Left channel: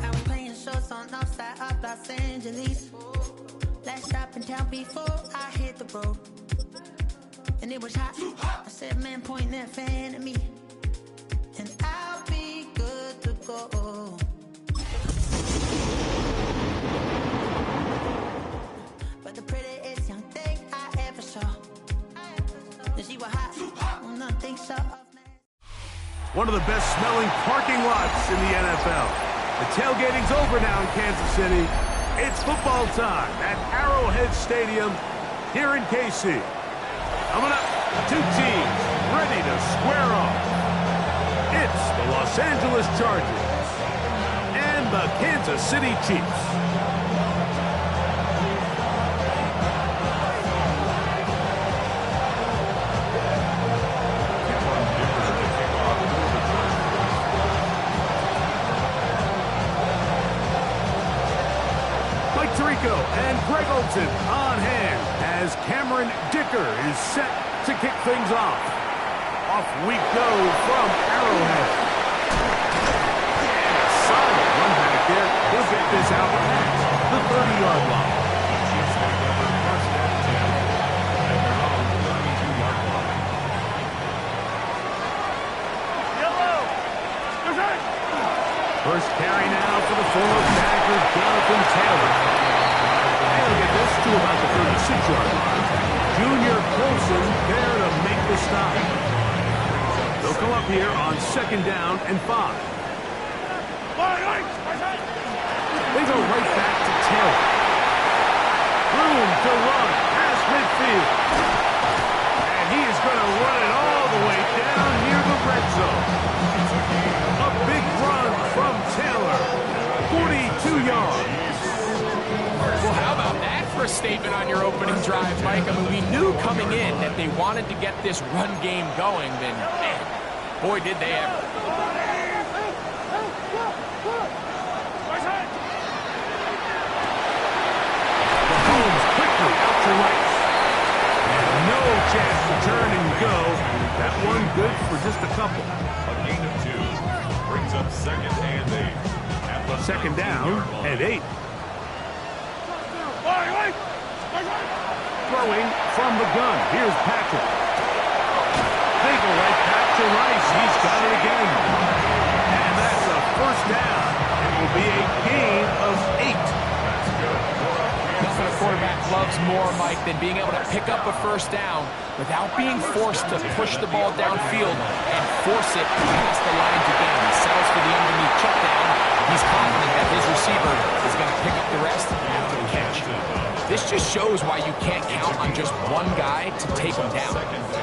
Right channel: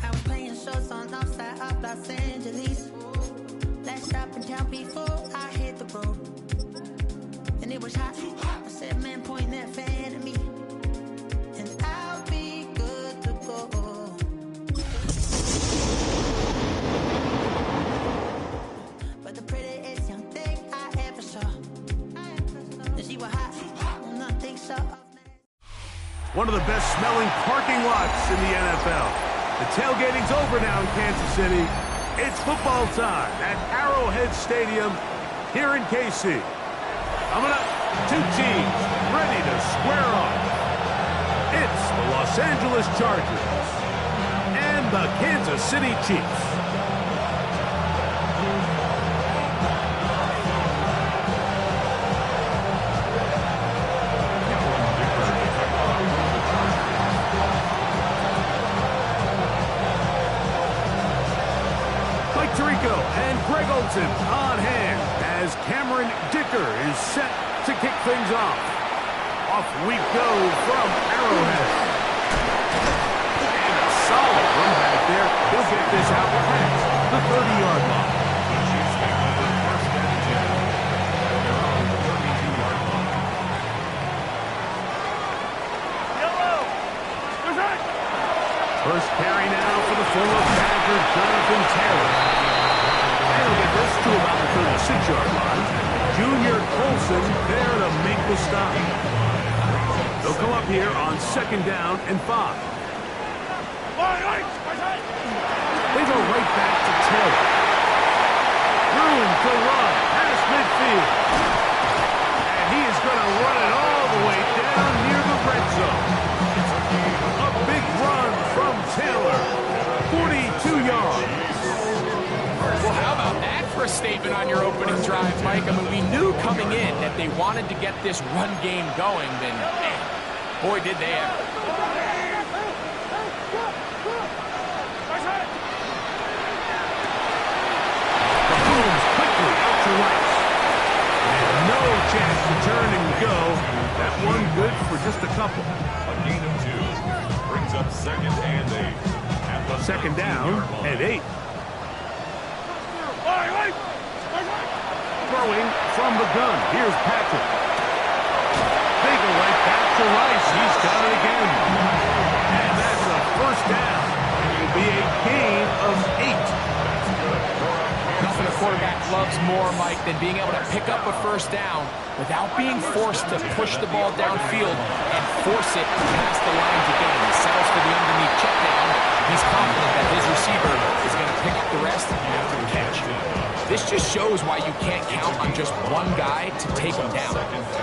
I was playing shows on outside of Los Angeles. Last shop in town before I hit the road. And it was hot. I said, man, point that fan at me. And I'll be good to go. But the prettiest young thing I ever saw. And she was hot. Well, nothing so. One of the best smelling parking lots in the NFL. The tailgating's over now in Kansas City. It's football time at Arrowhead Stadium here in KC. Coming up, two teams ready to square off. It's the Los Angeles Chargers and the Kansas City Chiefs. Mike Tirico and Greg Olsen on hand as Cameron Dicker is set to kick things off. Off we go from Arrowhead. And a solid run back there. He'll get this out past the 30-yard line. The Chiefs take over first and 10 at their own 32-yard line. Yellow! First carry now for the former Badger, Jonathan Taylor. And he'll get this to about the 36-yard line. Junior Colson there to make the stop. They'll come up here on 2nd down and 5. They go right back to Taylor. Room to run past midfield. And he is going to run it all the way down near the red zone. A big run from Taylor. 42 yards. Well, how about that for a statement on your opening drive, Mike? I mean, we knew coming in that they wanted to get this run game going, then, man, boy, did they ever. Mahomes quickly out to right. And no chance to turn and go. That one good for just a couple. A gain of 2 brings up 2nd and 8. At the 2nd down and 8. Throwing from the gun. Here's Patrick. They go right back to Rice. He's got it again. And that's a first down. It will be a gain of 8. That's good. Nothing a quarterback loves more, Mike, than being able to pick up a first down without being forced to push the ball downfield and force it past the lines again. He settles for the underneath check down. He's confident that his receiver is going to pick up the rest after the catch. This just shows why you can't count on just one guy to take him down.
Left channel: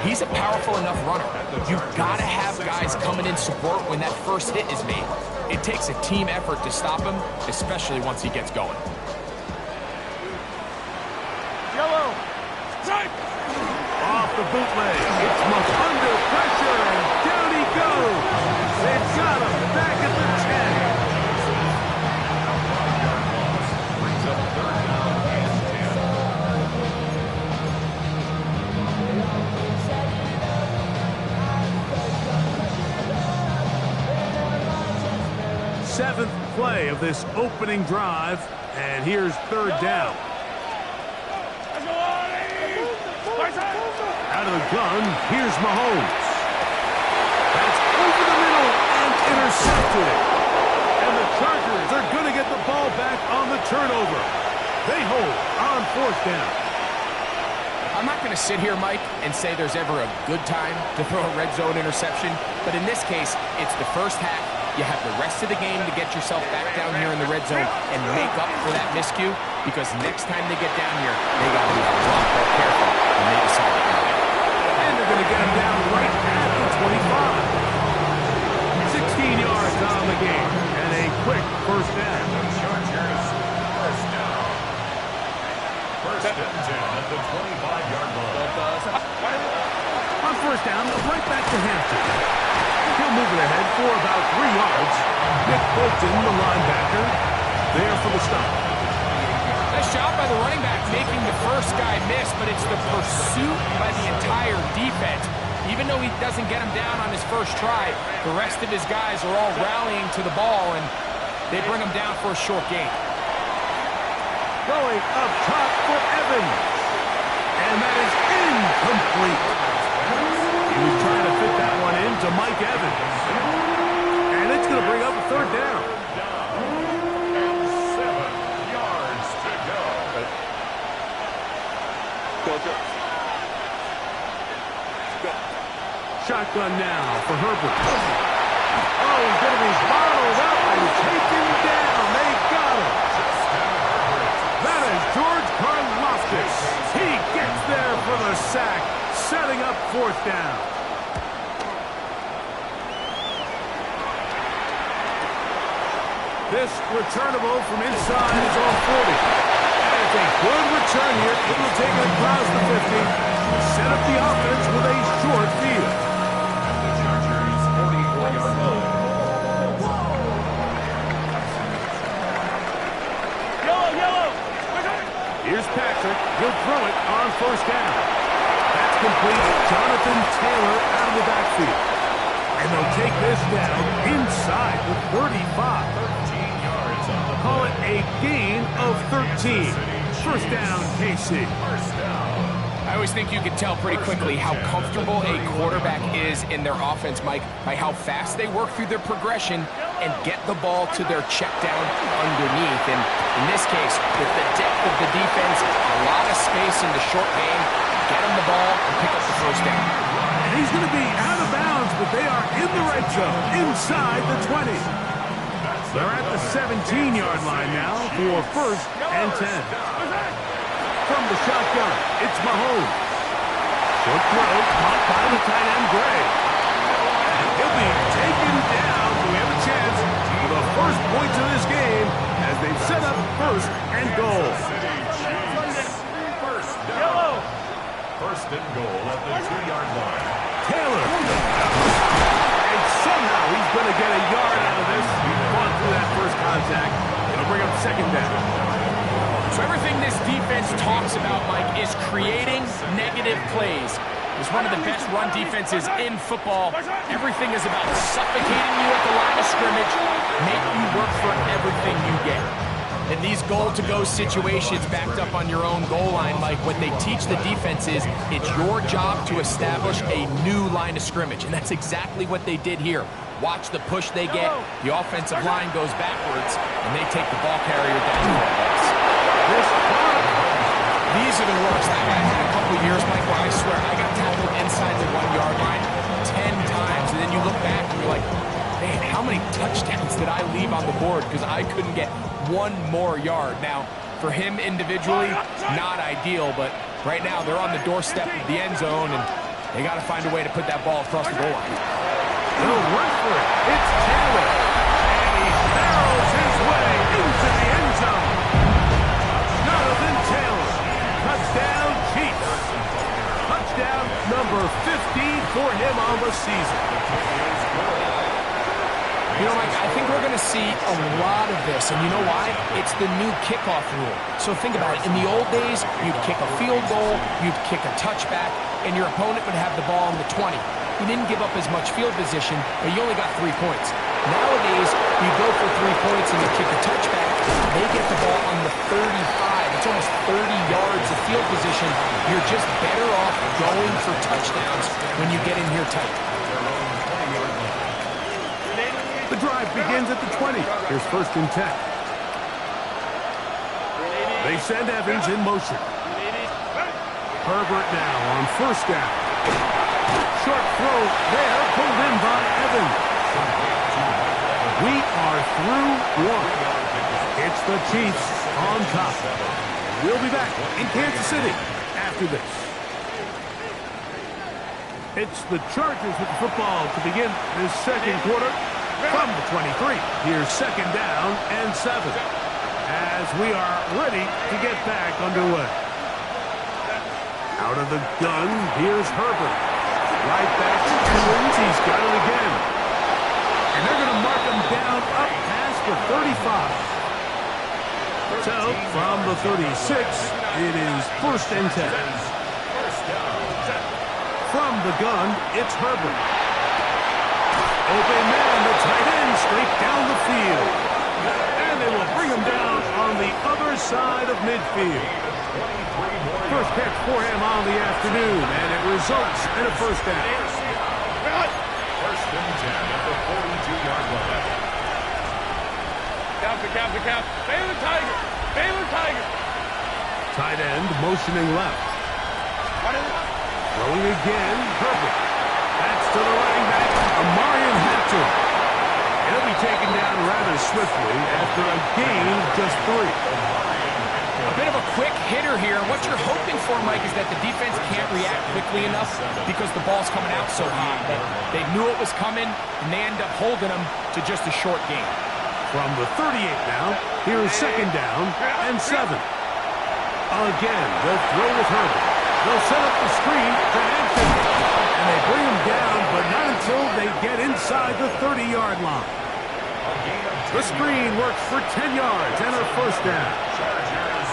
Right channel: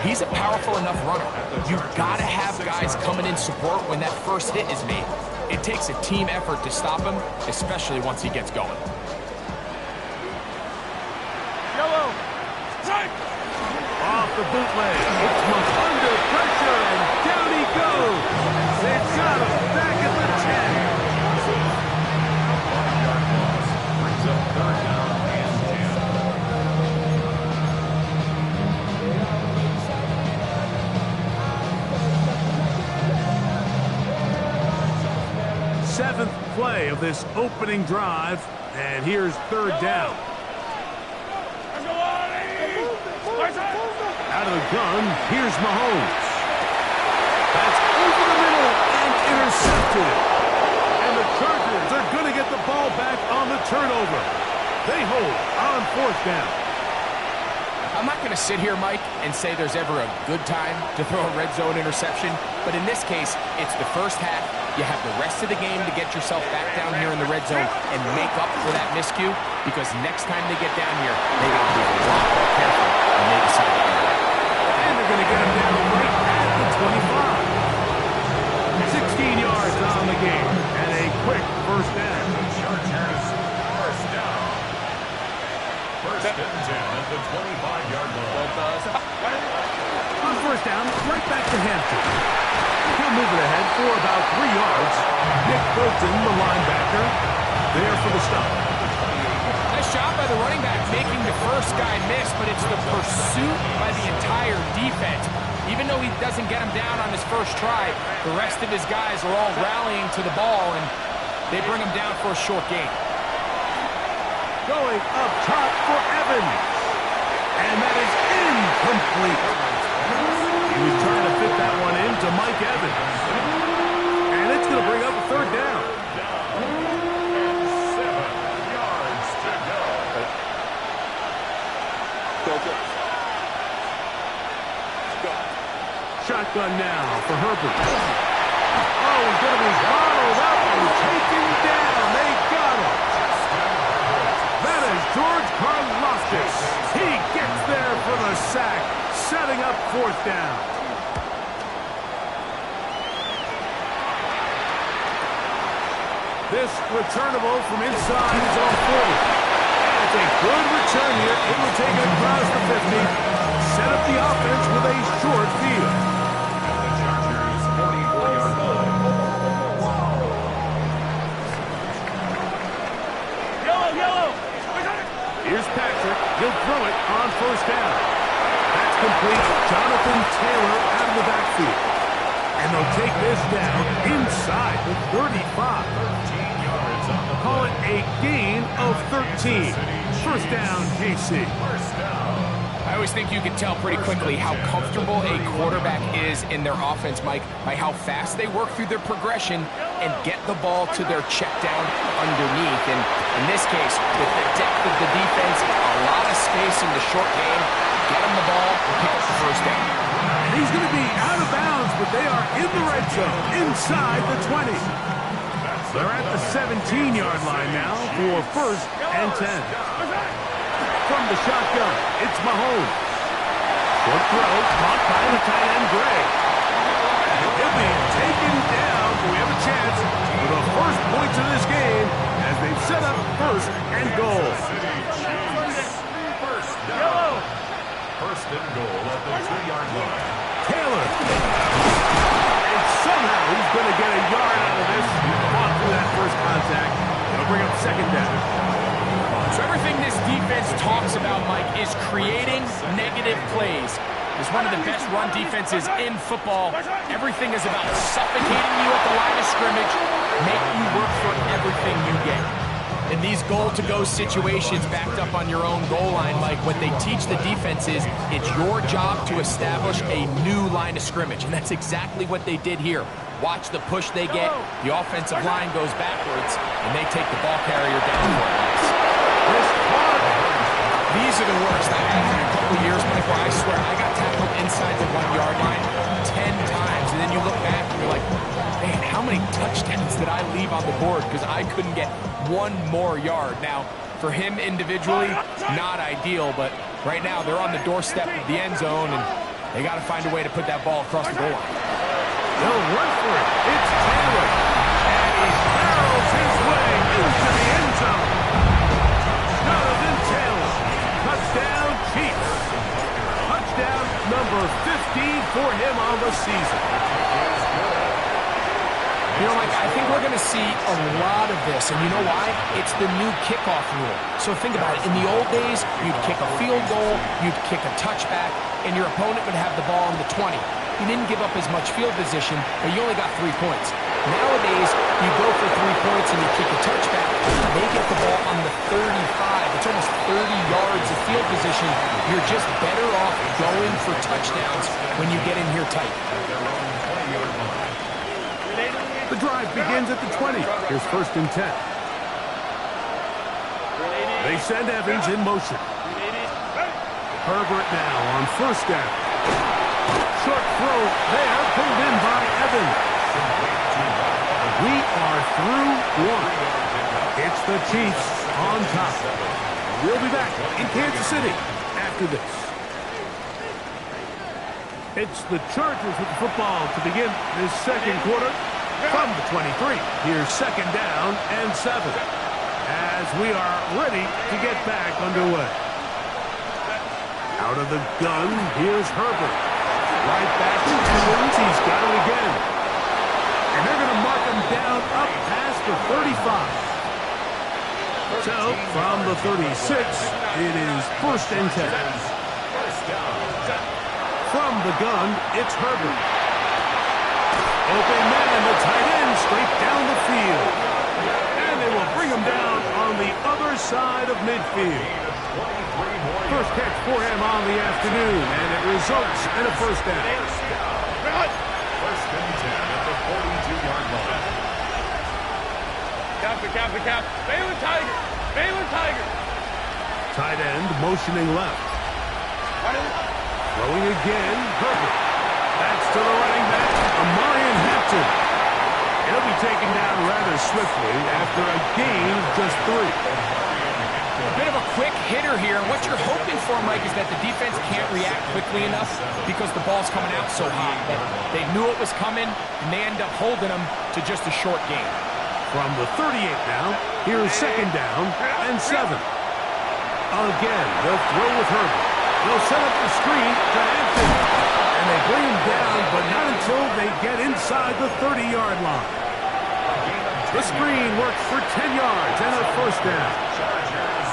He's a powerful enough runner. You've got to have guys coming in support when that first hit is made. It takes a team effort to stop him, especially once he gets going. Yellow. Off the bootleg. It's Monk under pressure, and down he goes. They've got him back at the 10. 5-yard loss brings up 3rd down and 10. Seventh play of this opening drive, and here's 3rd down. Out of the gun, here's Mahomes. That's over the middle and intercepted. And the Chargers are going to get the ball back on the turnover. They hold on 4th down. I'm not going to sit here, Mike, and say there's ever a good time to throw a red zone interception, but in this case, it's the first half. You have the rest of the game to get yourself back down here in the red zone and make up for that miscue, because next time they get down here, they got to be a lot more careful when they decide to enter that. And they're going to get him down right at the 25. 16 yards on the game, and a quick first down. The Chargers first down. First and 10 at the 25-yard line. On first down, right back to Hampton. He'll move it ahead for about 3 yards. Nick Bolton, the linebacker, there for the stop. Nice job by the running back making the first guy miss, but it's the pursuit by the entire defense Even though he doesn't get him down on his first try, the rest of his guys are all rallying to the ball, and they bring him down for a short gain. Going up top for Evans. And that is incomplete. He was trying to fit that one into Mike Evans. And it's going to bring up a third down. And 7 yards to go. Go. Shotgun now for Herbert. Oh, he's going to be bottled up and taken down. They got him. That is George Karlaftis. He gets there for the sack, setting up fourth down. This returnable from inside his own 40. And it's a good return here. It will take it across the 50. Set up the offense with a short field. At the Chargers' 44-yard line. Yellow. Here's Patrick. He'll throw it on first down. That's complete. Jonathan Taylor out of the backfield. And they'll take this down inside the 35. 13 yards on the Call it a gain of 13. First down, KC. first down. I always think you can tell pretty quickly how comfortable a quarterback is in their offense, Mike, by how fast they work through their progression and get the ball to their check down underneath. And in this case, with the depth of the defense, a lot of space in the short game, get him the ball and pick up the first down. And he's going to be out of bounds, but they are in the red zone, inside the 20. They're at the 17-yard line now for first and 10. From the shotgun, it's Mahomes. Short throw, caught by the tight end, Gray. And he'll be taken down, but we have a chance for the first points of this game as they've set up first and goal. First down. First and goal at the 2-yard line. Taylor. And somehow he's going to get a yard out of this. He fought through that first contact. It'll bring up second down. So everything this defense talks about, Mike, is creating negative plays. It's one of the best run defenses in football. Everything is about suffocating you at the line of scrimmage, make you work for everything you get. In these goal-to-go situations backed up on your own goal line, Mike, what they teach the defense is it's your job to establish a new line of scrimmage, and that's exactly what they did here. Watch the push they get. The offensive line goes backwards, and they take the ball carrier down for a loss. These are the worst. I've had a couple years, Mike, where I swear I got tackled inside the 1-yard line 10 times, and then you look back and you're like, man, how many touchdowns did I leave on the board because I couldn't get one more yard? Now, for him individually, not ideal, but right now they're on the doorstep of the end zone, and they got to find a way to put that ball across the goal line. They'll run for it. It's Taylor. And he barrels his way into the end zone. Jonathan Taylor. Touchdown, Chiefs. Touchdown number 15 for him on the season. You know, Mike, I think we're going to see a lot of this, and you know why? It's the new kickoff rule. So think about it. In the old days, you'd kick a field goal, you'd kick a touchback, and your opponent would have the ball on the 20. You didn't give up as much field position, but you only got 3 points. Nowadays, you go for 3 points and you kick a touchback, they get the ball on the 35. It's almost 30 yards of field position. You're just better off going for touchdowns when you get in here tight. The drive begins at the 20. Here's first and 10. They send Evans in motion. Herbert now on first down. Short throw there, pulled in by Evans. We are through one. It's the Chiefs on top. We'll be back in Kansas City after this. It's the Chargers with the football to begin this second quarter. From the 23, here's second down and 7. As we are ready to get back underway. Out of the gun, here's Herbert. Right back to Evans, he's got it again. And they're going to mark him down up past the 35. So, from the 36, it is first and 10. From the gun, it's Herbert. Open man, the tight end, straight down the field. And they will bring him down on the other side of midfield. First catch for him on the afternoon, and it results in a first down. First and 10 at the 42-yard line. Cap. Baylor Tiger. Tight end motioning left. Throwing again, Herbert. That's to the running back, Amarian Hampton. He'll be taken down rather swiftly after a gain of just 3. A bit of a quick hitter here, and what you're hoping for, Mike, is that the defense can't react quickly enough because the ball's coming out so hot that they knew it was coming, and they end up holding them to just a short gain. From the 38 now, here is second down and 7. Again, they'll throw with Herbert. They'll set up the screen to Hampton, and they bring him down, but not until they get inside the 30-yard line. The screen works for 10 yards and a first down. Chargers,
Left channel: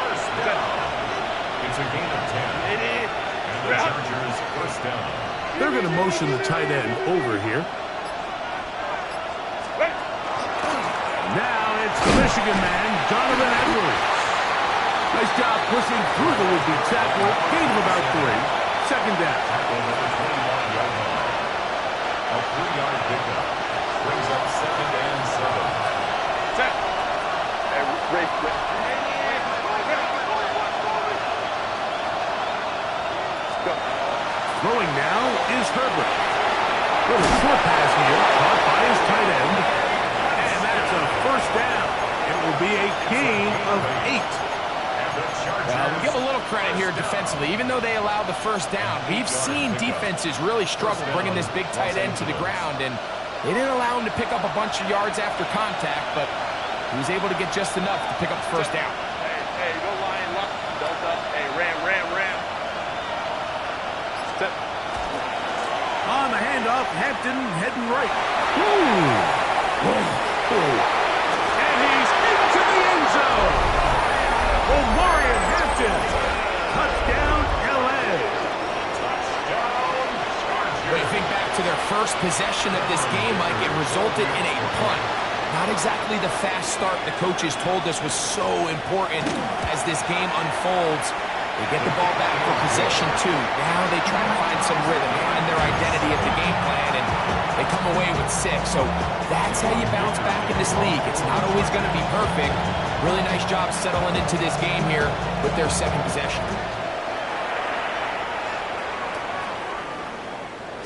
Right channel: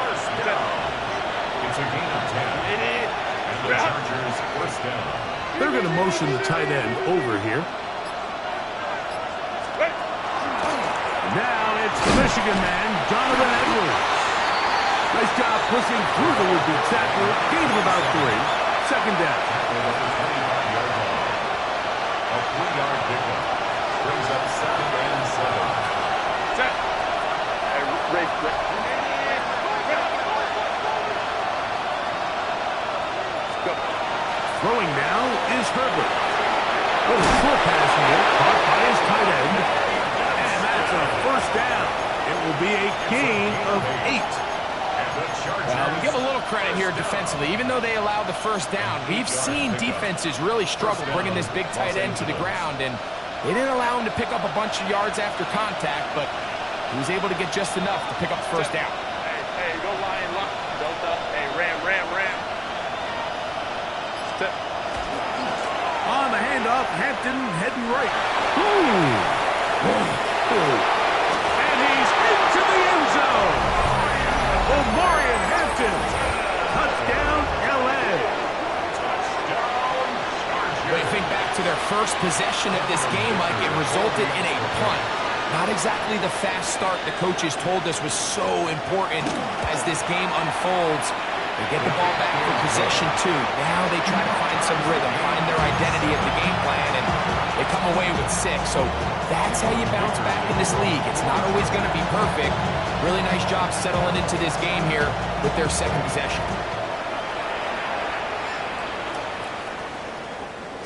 first down. It's a gain of 10. And the Chargers, first down. They're going to motion the tight end over here. Now it's the Michigan man, Donovan Edwards. Nice job pushing through the would-be tackler. Gain of about 3. Second down. Tackled at the 25-yard line. A 3-yard pickup. Brings up second and 7. Set. Hey, Ray. Go. Throwing now is Herbert. Little short pass here, caught by his tight end. And that's a first down. It will be a gain of 8. We give a little credit here defensively. Even though they allowed the first down, we've seen defenses really struggle bringing this big tight end to the ground, and they didn't allow him to pick up a bunch of yards after contact, but he was able to get just enough to pick up the first down. Hey, go Lion, lock, Delta. Hey, Ram. Step. On the handoff, Hampton heading right. And he's into the end zone. Omarion Hampton. Touchdown, L.A. Touchdown, Chargers. When you think back to their first possession of this game, Mike, it resulted in a punt. Not exactly the fast start the coaches told us was so important as this game unfolds. They get the ball back for possession 2. Now they try to find some rhythm, find their identity of the game plan, and they come away with 6. So that's how you bounce back in this league. It's not always going to be perfect. Really nice job settling into this game here with their second possession.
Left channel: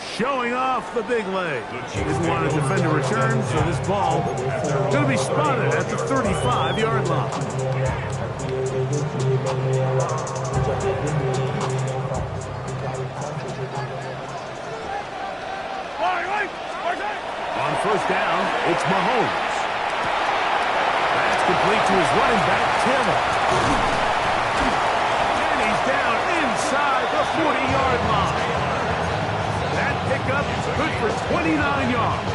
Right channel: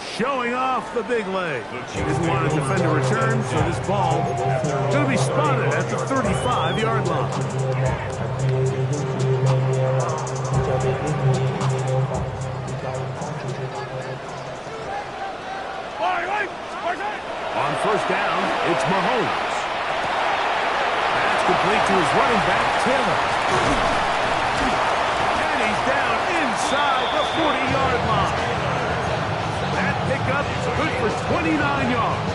Showing off the big leg. Didn't want to defend a return, so this ball going to be spotted at the 35-yard line. On first down, it's Mahomes. That's complete to his running back, Taylor. And he's down inside the 40-yard line. That pickup good for 29 yards.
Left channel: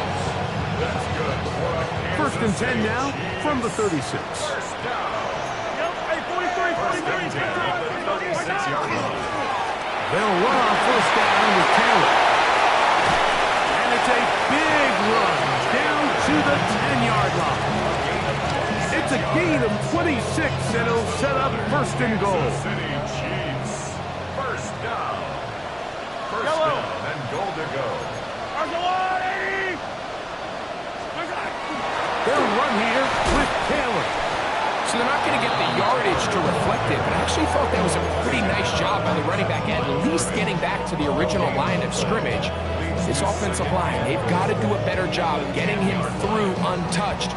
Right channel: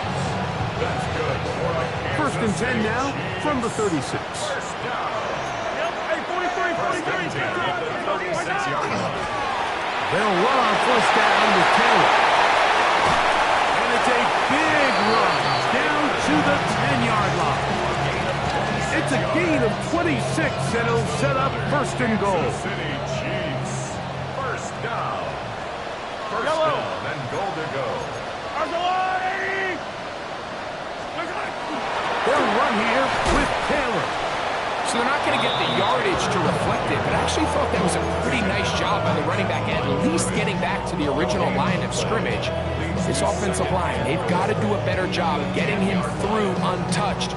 That's good for a First and 10 now from the 36. first down. Hey, 43. First and 10 at the 36-yard line. They'll run on first down with Taylor. And it's a big run down to the 10-yard line. It's a gain of 26, and it'll set up first and goal. Kansas City Chiefs. First down. First down and goal to go. They'll run here with Taylor. So they're not going to get the yardage to reflect it, but I actually thought that was a pretty nice job by the running back, at least getting back to the original line of scrimmage. This offensive line, they've got to do a better job getting him through untouched.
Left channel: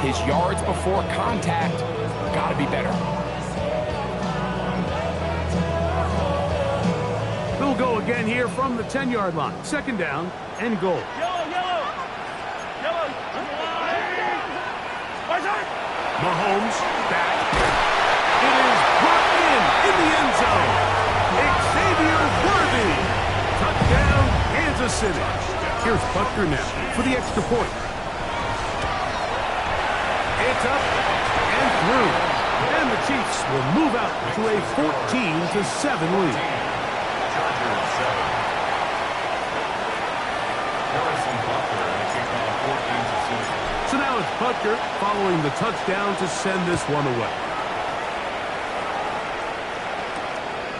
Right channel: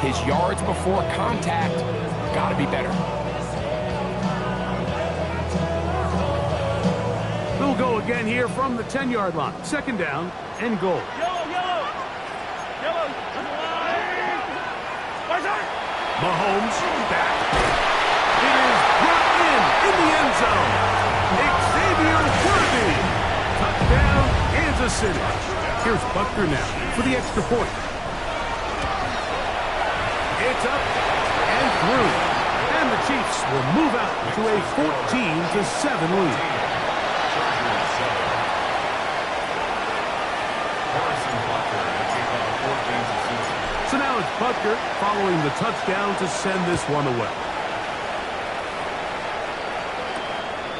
His yards before contact got to be better. They'll go again here from the 10-yard line. Second down and goal. Yellow. Mahomes back. It is brought in the end zone. Xavier Worthy. Touchdown, Kansas City. Here's Butker now for the extra point. It's up and through. And the Chiefs will move out to a 14-7 lead. Chargers 7, Harrison Butker, and a kickoff for Kansas City. So now it's Butker following the touchdown to send this one away.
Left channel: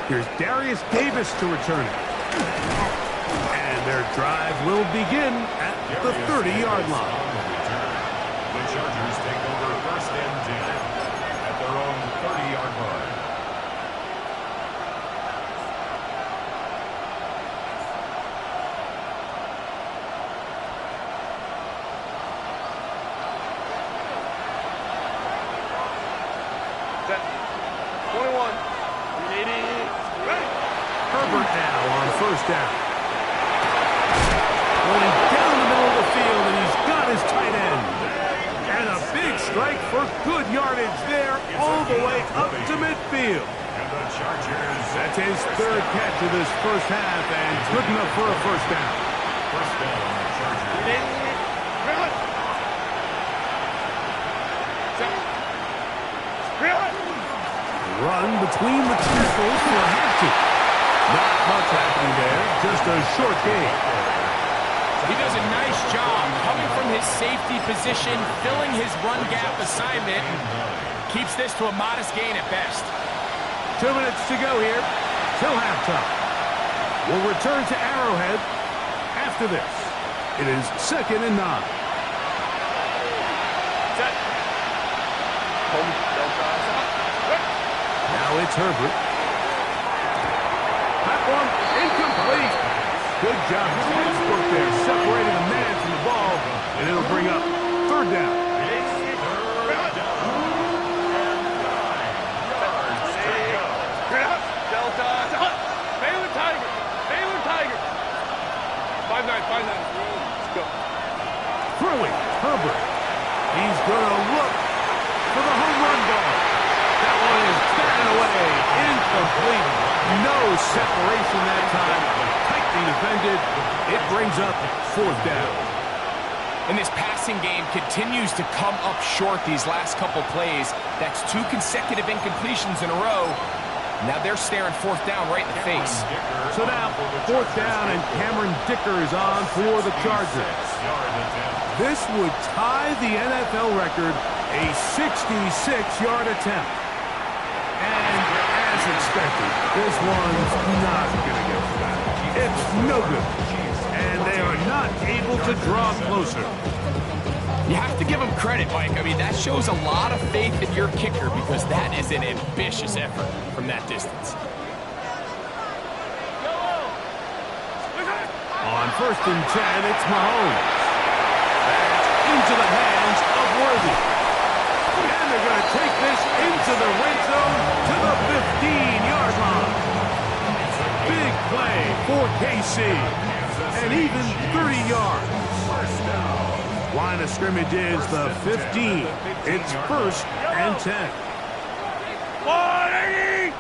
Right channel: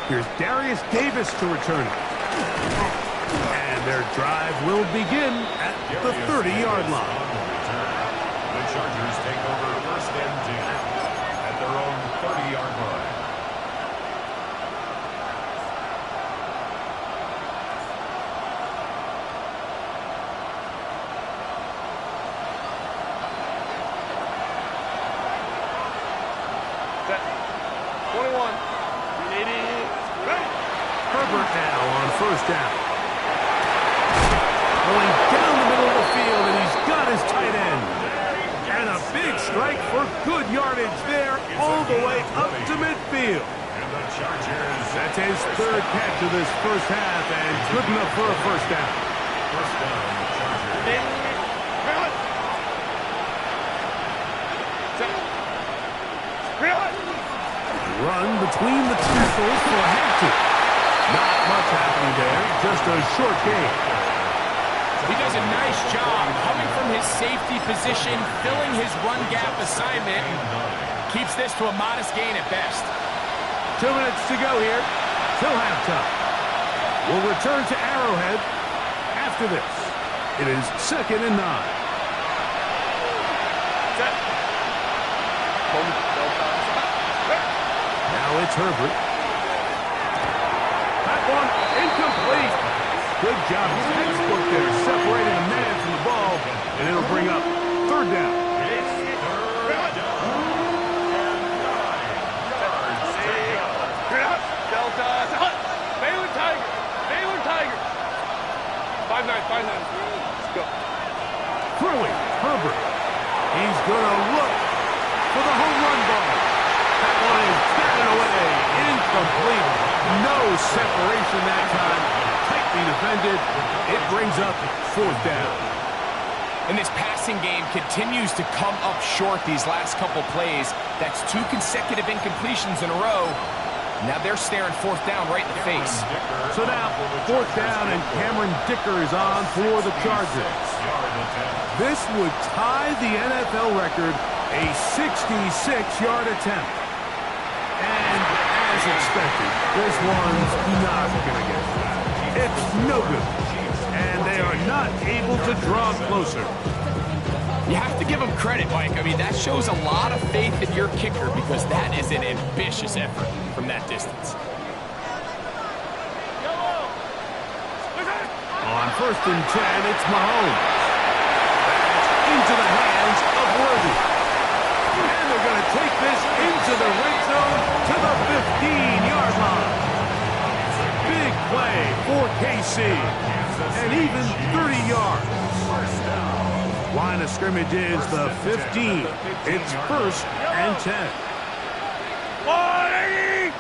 Here's Darius Davis to return it. And their drive will begin at the 30-yard line. On the return. The Chargers take over 1st and 10 at their own 30-yard line. Set. 21. 380. Ready. Herbert now on 1st down. Going down the middle of the field, and he's got his tight end. And a big strike for good yardage there all the way up to midfield. And the Chargers. That's his 3rd catch of this first half, and good enough for a 1st down. 1st down, Chargers. Run between the tackles for Hampton. Not much happening there, just a short game. He does a nice job coming from his safety position, filling his run gap assignment, and keeps this to a modest gain at best. 2 minutes to go here till halftime. We'll return to Arrowhead after this. It is 2nd and 9. Set. Home. Delta. Now it's Herbert. That one incomplete. Good job, textbook there, separating the man from the ball, and it'll bring up 3rd down. It's 3rd down and 9 yards to go. Delta. Baylor Tiger. Baylor Tiger. 5-9. Let's go. Throwing, Herbert. He's going to look for the home run ball. That one is batted away. Incomplete. No separation that time. Tightly defended. It brings up 4th down. And this passing game continues to come up short these last couple plays. That's 2 consecutive incompletions in a row. Now they're staring 4th down right in the face. So now 4th down, and Cameron Dicker is on for the Chargers. This would tie the NFL record, a 66-yard attempt. And as expected, this one's not going to get back. It's no good. And they are not able to draw closer. You have to give him credit, Mike. I mean, that shows a lot of faith in your kicker because that is an ambitious effort from that distance. On 1st and 10, it's Mahomes. That's into the hands of Worthy. And they're going to take this into the red zone to the 15-yard line. Big play for KC. And even 30 yards. Line of scrimmage is the 15. It's 1st and 10. 180.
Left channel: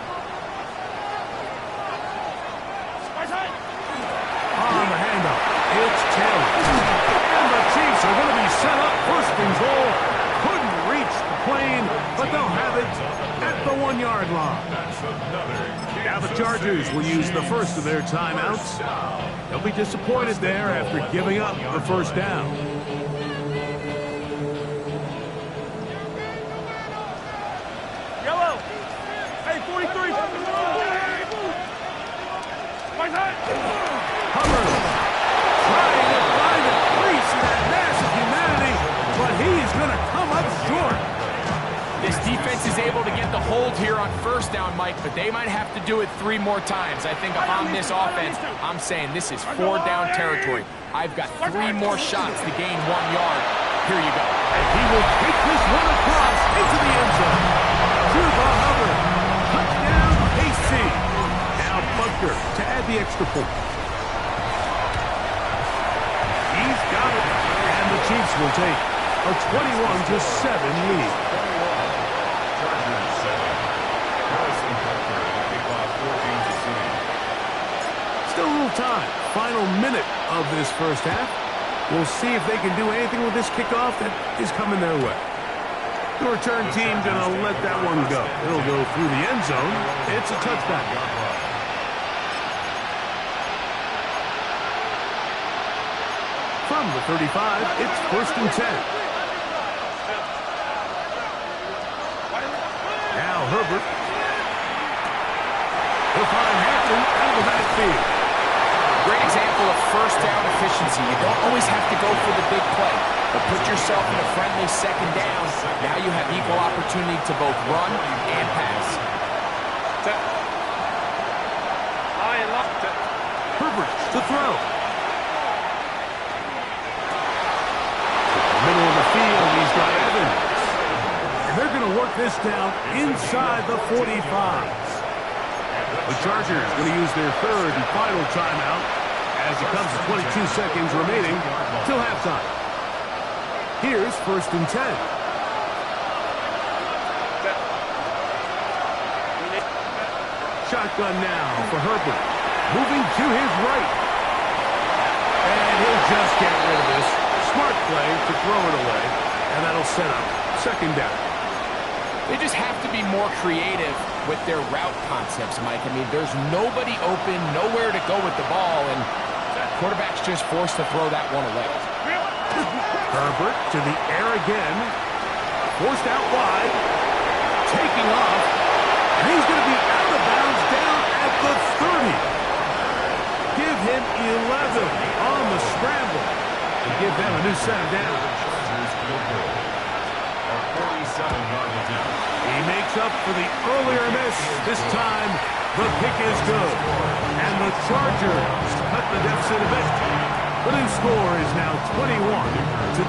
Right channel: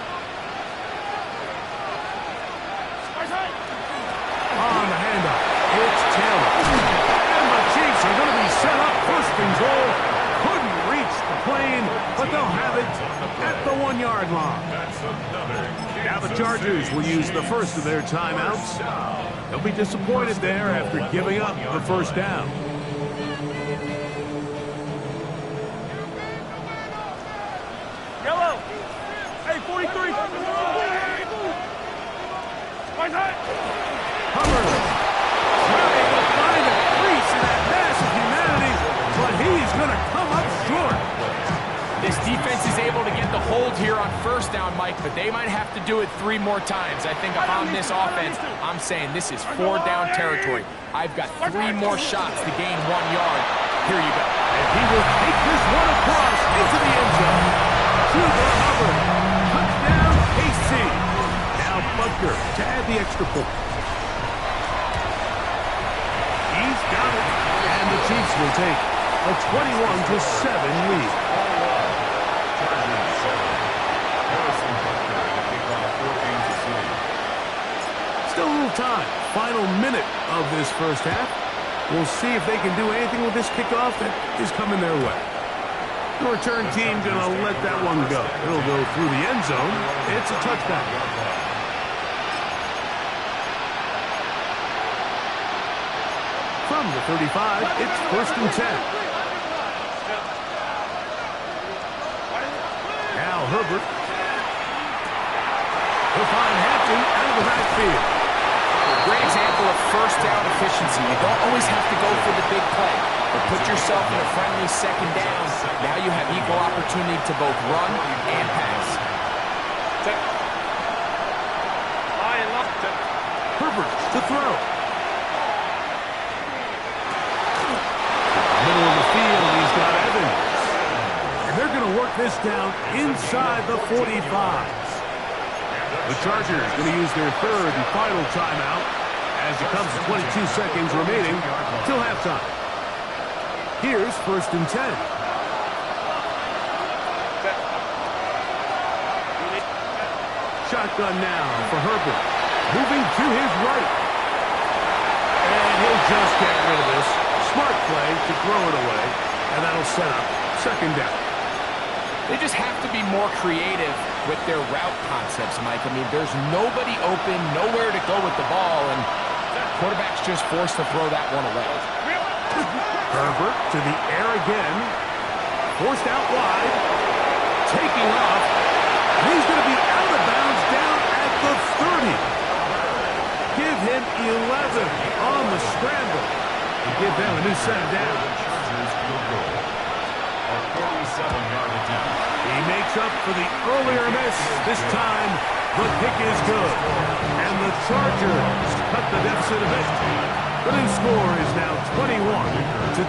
On the handoff, it's Taylor. And the Chiefs are going to be set up 1st and goal. Couldn't reach the plane, but they'll have it at the 1-yard line. Now the Chargers will use the first of their timeouts. They'll be disappointed there after giving up the 1st down. Yellow. Hey, 43. Hubbard trying to find a crease in that mass of humanity, but he's going to come up short. This defense is able to get the hold here on 1st down, Mike, but they might have to do it 3 more times. I think if I'm this offense, I'm saying this is 4 down territory. I've got 3 more shots to gain 1 yard. Here you go. And he will take this one across into the end zone. Chuba Hubbard. Touchdown, KC. Now Butker to add the extra point. He's got it. And the Chiefs will take a 21-7 lead. Chargers 7. Harrison Butker and a kickoff for Kansas City. Still a little time. Final minute of this first half. We'll see if they can do anything with this kickoff that is coming their way. The return team going to let that one go. It'll go through the end zone. It's a touchdown. From the 35, it's 1st and 10. Now Herbert. He'll find Hampton out of the backfield. Great example of first down efficiency. You don't always have to go for the big play, but put yourself in a friendly second down. Now you have equal opportunity to both run and pass. Herbert to throw. Middle of the field, he's got Evans. And they're going to work this down inside the 45. The Chargers going to use their third and final timeout as it comes to 22 seconds remaining till halftime. Here's 1st and 10. Shotgun now for Herbert. Moving to his right. And he'll just get rid of this. Smart play to throw it away. And that'll set up 2nd down. They just have to be more creative with their route concepts, Mike. I mean, there's nobody open, nowhere to go with the ball, and quarterback's just forced to throw that one away. Herbert to the air again. Forced out wide. Taking off. And he's going to be out of bounds down at the 30. Give him 11 on the scramble to give them a new set of downs. Chargers field goal. A 47-yard attempt. He makes up for the earlier miss. This time, the kick is good. And the Chargers cut the deficit a bit. The new score is now 21-10.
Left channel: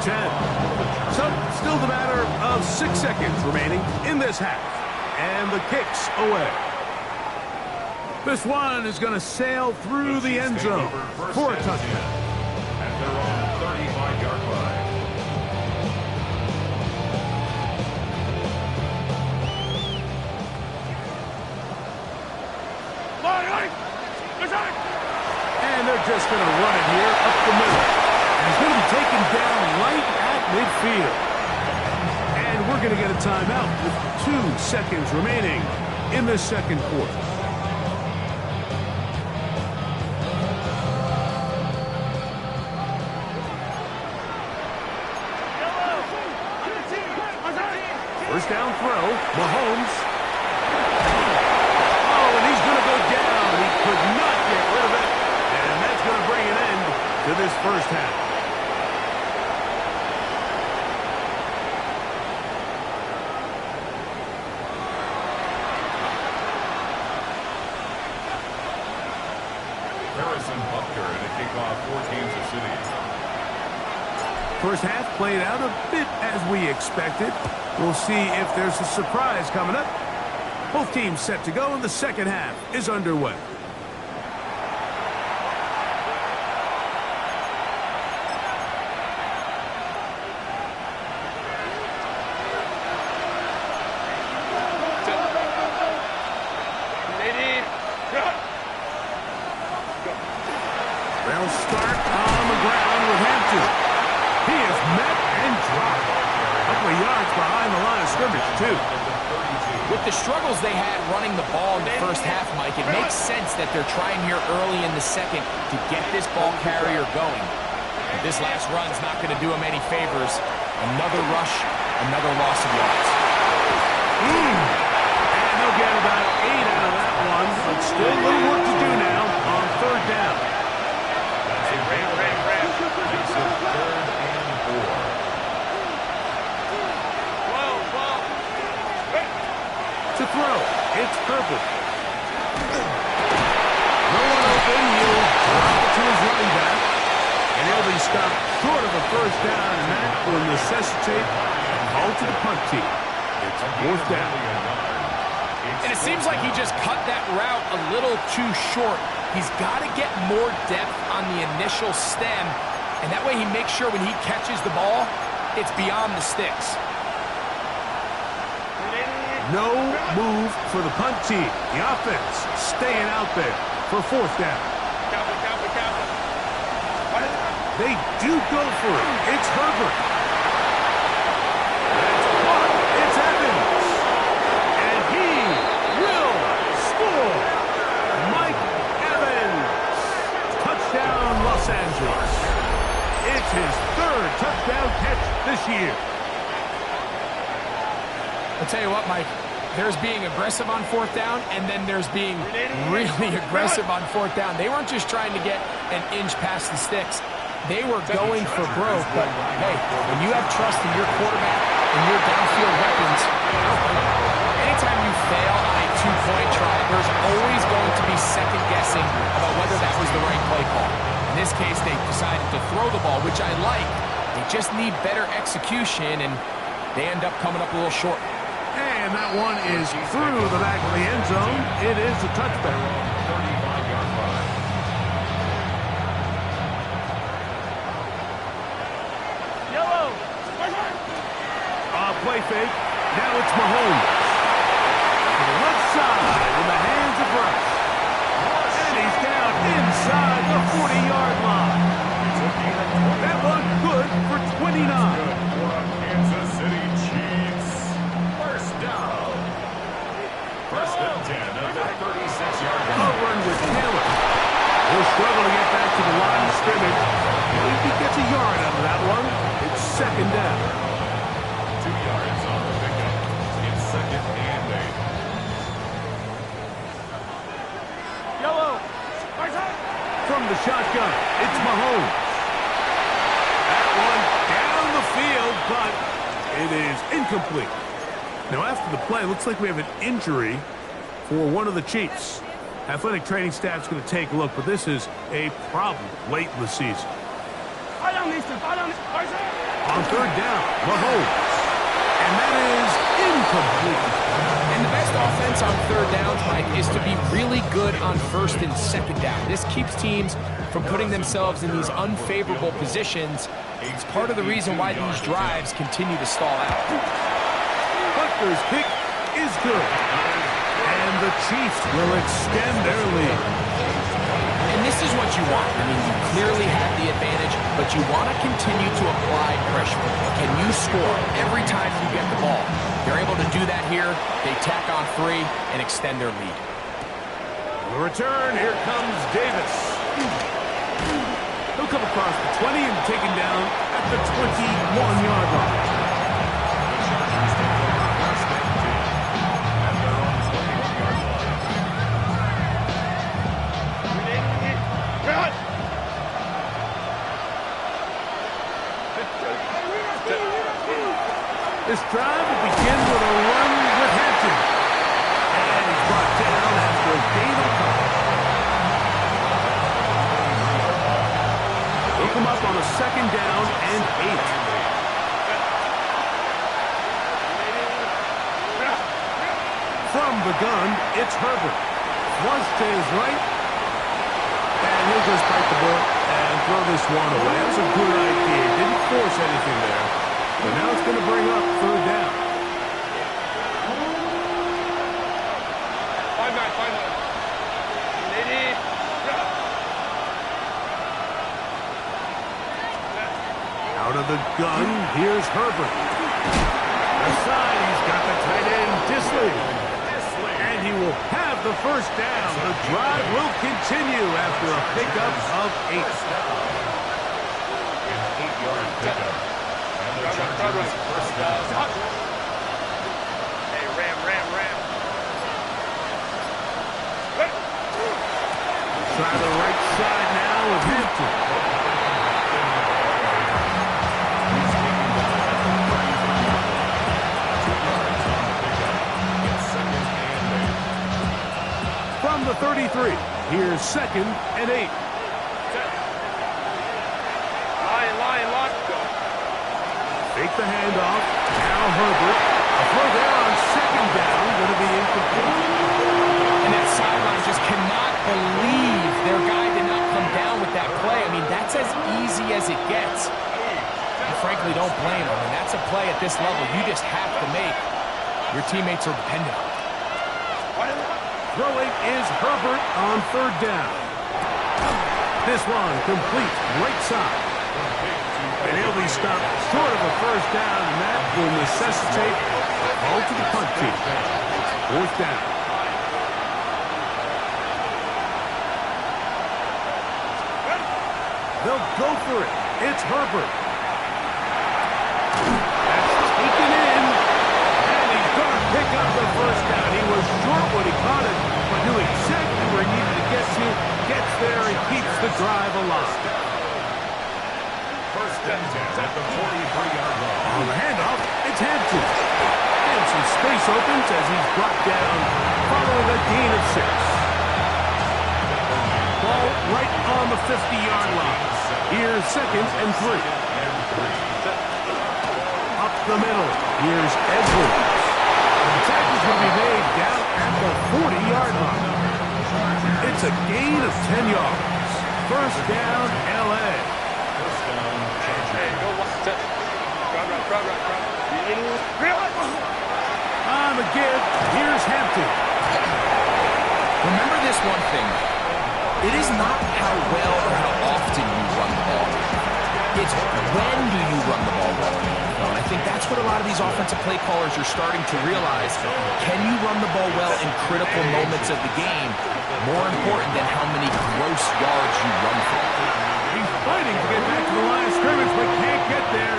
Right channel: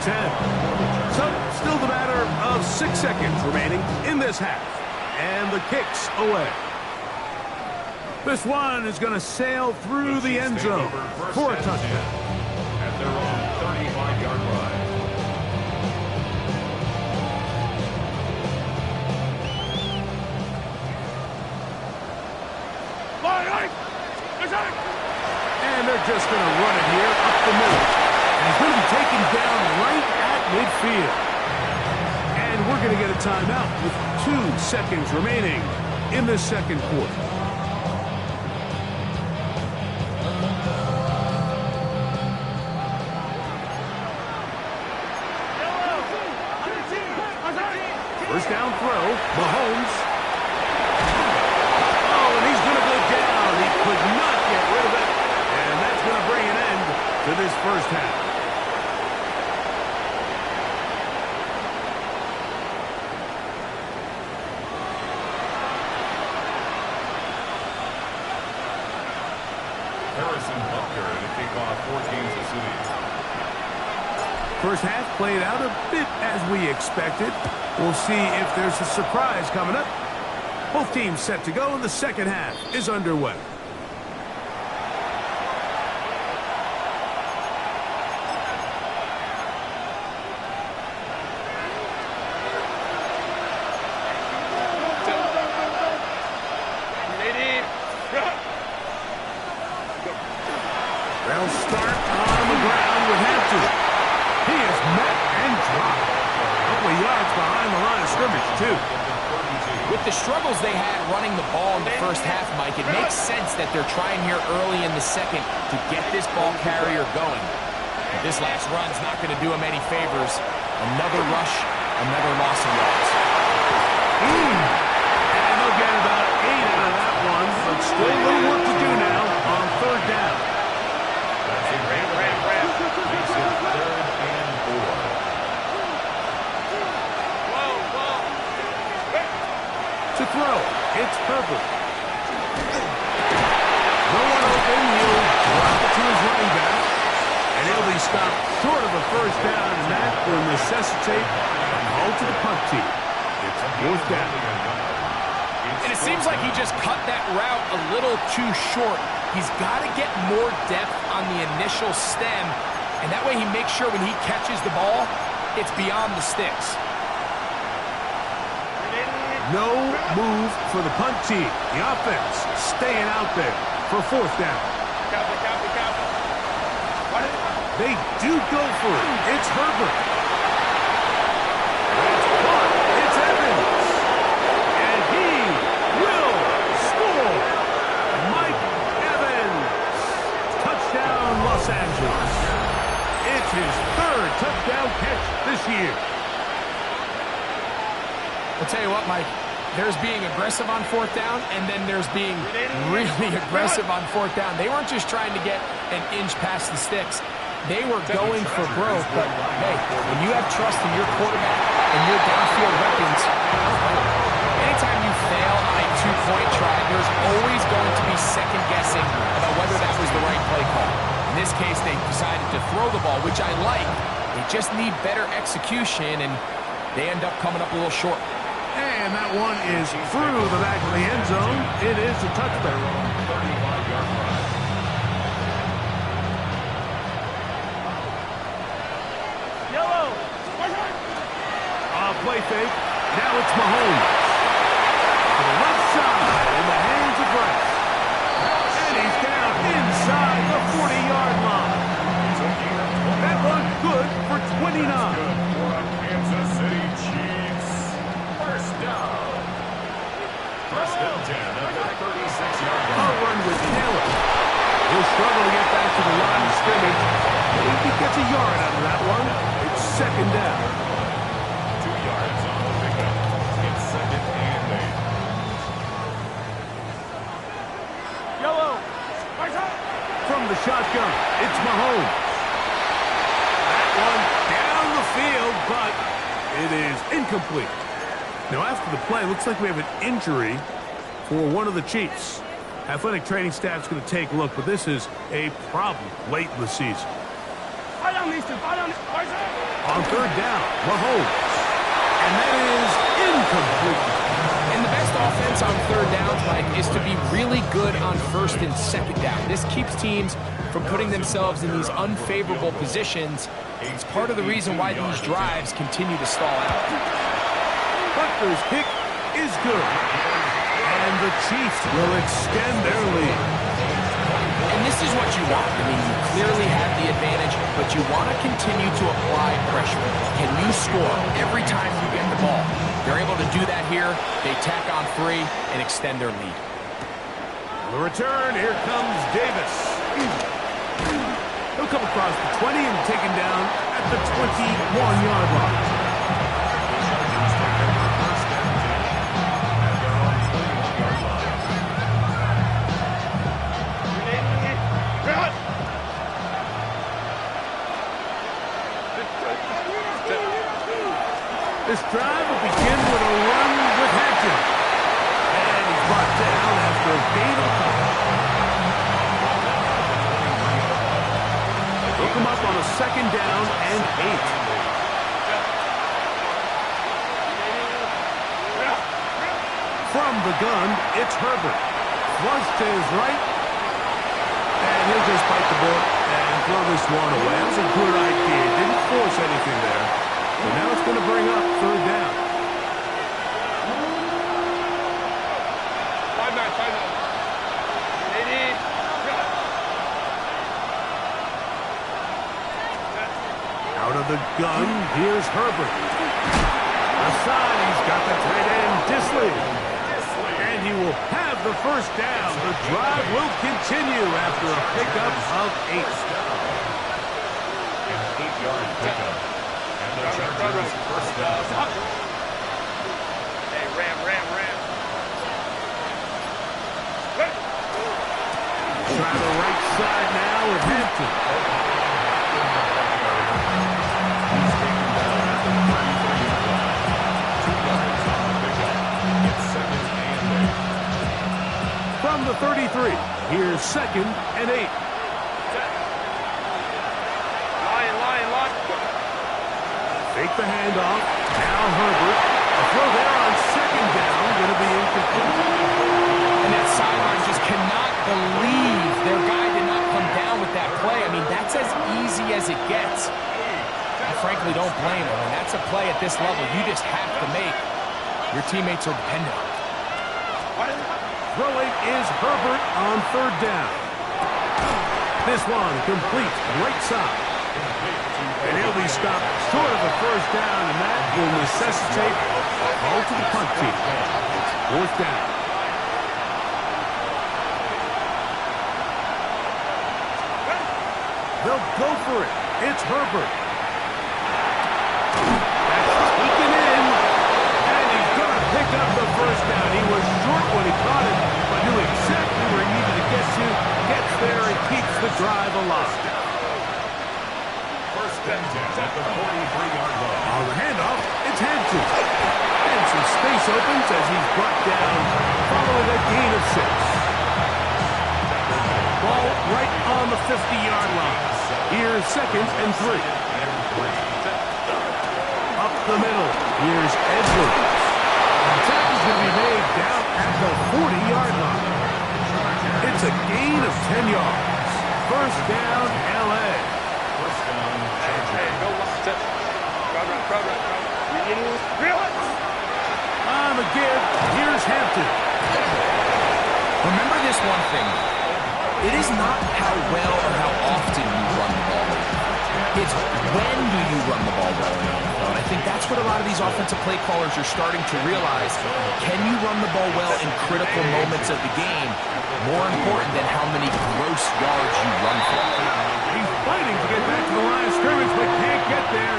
So, still the matter of 6 seconds remaining in this half. And the kick's away. This one is going to sail through the end zone for a touchdown. At their own 35-yard line. And they're just going to run it here up the middle. And he's going to be taken down right at midfield. And we're going to get a timeout with 2 seconds remaining in the second quarter. First down throw, Mahomes. Oh, and he's going to go down. He could not get rid of it. And that's going to bring an end to this first half. Harrison Butker to kick off for Kansas City. First half played out a bit as we expected. We'll see if there's a surprise coming up. Both teams set to go, and the second half is underway. They'll start on the ground with Hampton. He is met and dropped. A couple of yards behind the line of scrimmage, too. With the struggles they had running the ball in the first half, Mike, it makes sense that they're trying here early in the second to get this ball carrier going. But this last run's not going to do him any favors. Another rush, another loss of yards. And they'll get about 8 out of that one, but still a little work to do now on 3rd down. Makes it 3rd and 4. To throw, it's Herbert. No one open, he'll drop it to his running back. And he'll be stopped short of a first down, and that will necessitate a call to the punt team. It's 4th down. And it seems like he just cut that route a little too short. He's got to get more depth on the initial stem, and that way he makes sure when he catches the ball, it's beyond the sticks. No move for the punt team. The offense staying out there for 4th down. They do go for it. It's Herbert. That's caught. It's Evans. And he will score. Mike Evans. Touchdown, Los Angeles. It's his third touchdown catch this year. I'll tell you what, Mike. There's being aggressive on fourth down, and then there's being really aggressive on fourth down. They weren't just trying to get an inch past the sticks. They were going for broke, but hey, when you have trust in your quarterback and your downfield weapons, anytime you fail on a two-point try, there's always going to be second-guessing about whether that was the right play call. In this case, they decided to throw the ball, which I like. They just need better execution, and they end up coming up a little short. And that one is through the back of the end zone. It is a touchback. 35-yard line. Yellow. Play fake. Now it's Mahomes. To the left side in the hands of Rice. And he's down inside the 40-yard line. That one good for 29. Good for a Kansas City Chiefs. First down. First and 10 at the 36-yard A line. run with Taylor. He'll struggle to get back to the line of scrimmage. If he gets a yard out of that one, it's second down. 2 yards on the pickup. It's second and 8. Yellow. From the shotgun, it's Mahomes. That one down the field, but it is incomplete. Now, after the play, looks like we have an injury for one of the Chiefs. Athletic training staff's going to take a look, but this is a problem late in the season. On third down, Mahomes. And that is incomplete. And the best offense on third downs, Mike, is to be really good on first and second down. This keeps teams from putting themselves in these unfavorable positions. It's part of the reason why these drives continue to stall out. Butker's kick is good. And the Chiefs will extend their lead. And this is what you want. I mean, you clearly have the advantage, but you want to continue to apply pressure. Can you score every time you get the ball? They're able to do that here. They tack on 3 and extend their lead. On the return, here comes Davis. He'll come across the 20 and taken down at the 21-yard line. The Chargers take over first and 10 at their own 21-yard line. This drive will begin with a run with Hampton. And he's brought down after a gain of a couple. He'll come up on a second down and 8. From the gun, it's Herbert. Flush to his right. And he'll just bite the bullet and throw this one away. That was a good idea. Didn't force anything there. But now it's going to bring up third down. 5-9. Out of the gun, here's Herbert. Aside, he's got the tight end, Disley. And he will have the first down. The drive will continue after a pickup of 8. An 8-yard pickup. And the Chargers first down. Hey, ram. Try the right side now with Hampton. He's taken down at the 33-yard line. 2 yards on the pickup. It's second and 8. From the 33, here's second and 8. Lion, lock. Go. Fake the handoff. Now Herbert. A throw there on second down. Going to be incomplete. And that sideline just cannot believe their guy did not come down with that play. I mean, that's as easy as it gets. I frankly don't blame him. And that's a play at this level you just have to make. Your teammates are dependent on it. Throwing is Herbert on third down. This one complete, right side. And he'll be stopped short of the first down, and that will necessitate a call to the punt team. Fourth down. They'll go for it. It's Herbert. That's taken in. And he's going to pick up the first down. He was short when he caught it, but knew exactly where he needed to get to. Gets there and keeps the drive alive. First and 10 at the 43-yard line. On the handoff, it's Hampton. And some space opens as he's brought down following a gain of 6. Ball right on the 50-yard line. Here's 2nd and 3. Up the middle. Here's Edwards. The tackle's going to be made down at the 40-yard line. It's a gain of 10 yards. First down, L.A. First down, Hey, go set. Crowd run. On the give, here's Hampton. Remember this one thing. It is not how well or how often you run the ball. It's when do you run the ball well in the NFL. And I think that's what a lot of these offensive play callers are starting to realize. Can you run the ball well in critical moments of the game? More important than how many gross yards you run for. He's fighting to get back to the line of scrimmage, but can't get there.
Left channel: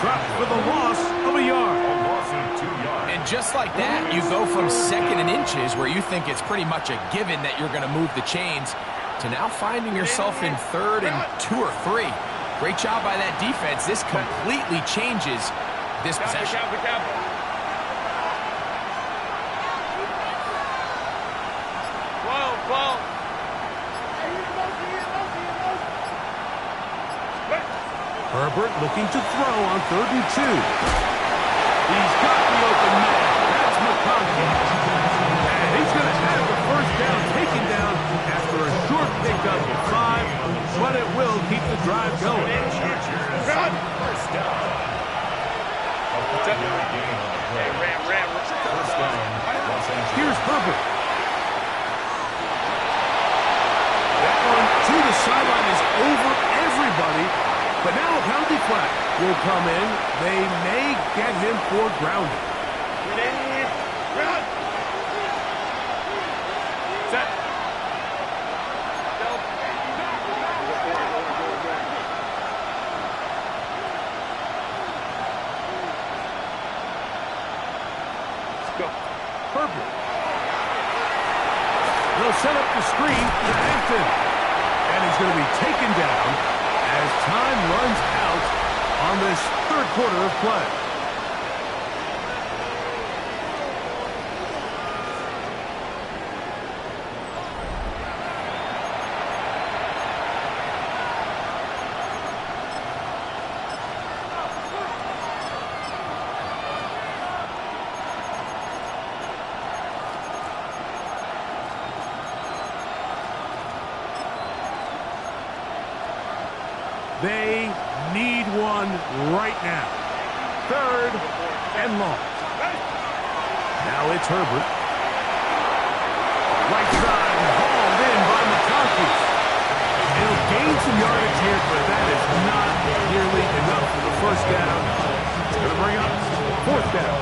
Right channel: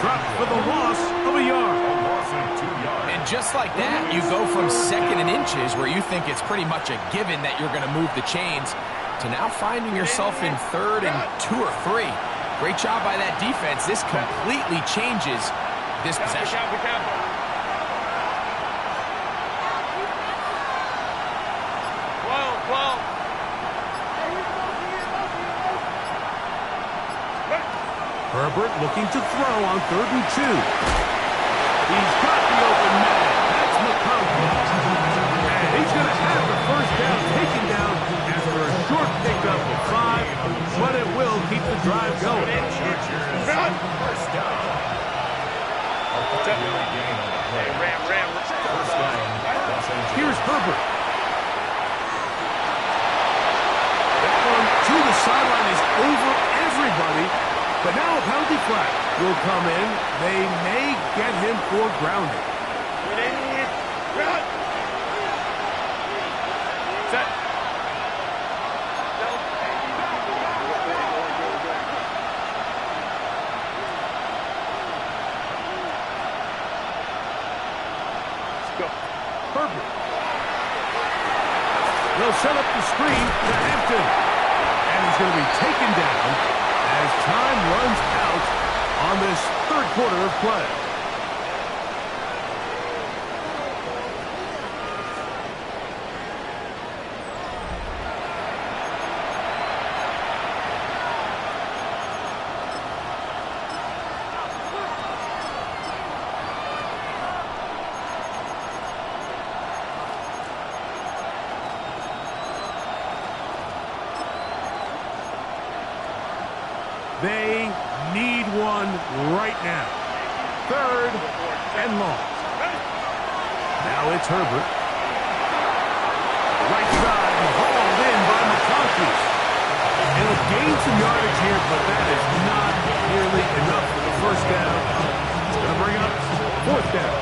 Dropped for the loss of a yard. a loss of 2 yards. And just like that, you go from 2nd and inches, where you think it's pretty much a given that you're going to move the chains, to now finding yourself in 3rd and 2 or 3. Great job by that defense. This completely changes this possession. Whoa. Herbert looking to throw on 3rd and 2. He's got the open man. That's McConkey. And he's going to have the first down taken down after a short pickup of 5, but it will keep the drive going. First down. Gain on the play. Ram. First down, Los Angeles. Here's Herbert. That one to the sideline is over everybody. But now a penalty flag will come in. They may get him for grounding. Set. Let's go. Herbert. They'll set up the screen to Hampton. And he's going to be taken down as time runs out on this 3rd quarter of play. They need one right now. 3rd and long. Now it's Herbert. Right side hauled in by McConkey. It'll gain some yardage here, but that is not nearly enough for the first down. It's going to bring up 4th down.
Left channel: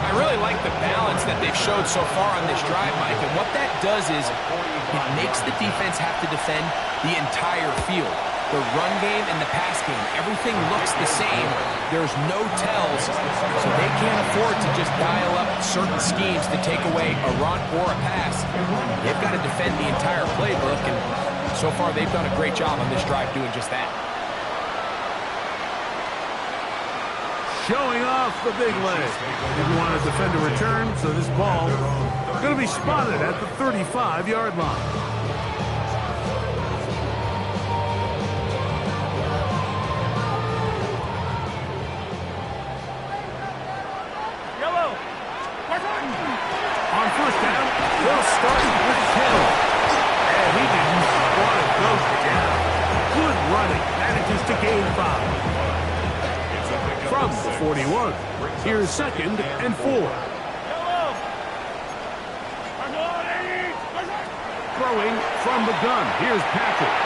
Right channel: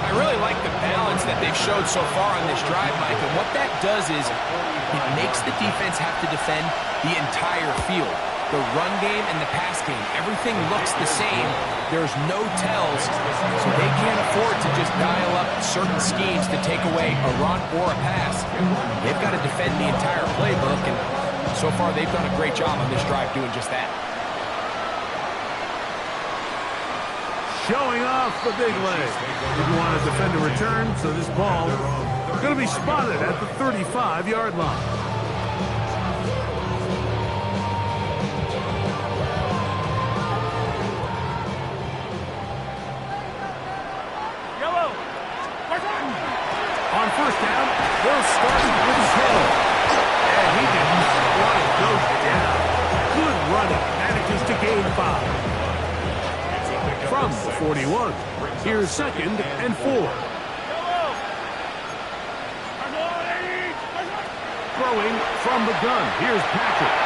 I really like the balance that they've showed so far on this drive, Mike, and what that does is it makes the defense have to defend the entire field. The run game and the pass game, everything looks the same. There's no tells, so they can't afford to just dial up certain schemes to take away a run or a pass. They've got to defend the entire playbook, and so far they've done a great job on this drive doing just that. Showing off the big leg. Didn't want to defend a return, so this ball going to be spotted at the 35-yard line. On first down, they'll start with Hill. And he didn't want to go down. Good running. Manages to gain 5. From the 41, here's 2nd and 4. Throwing from the gun, here's Patrick.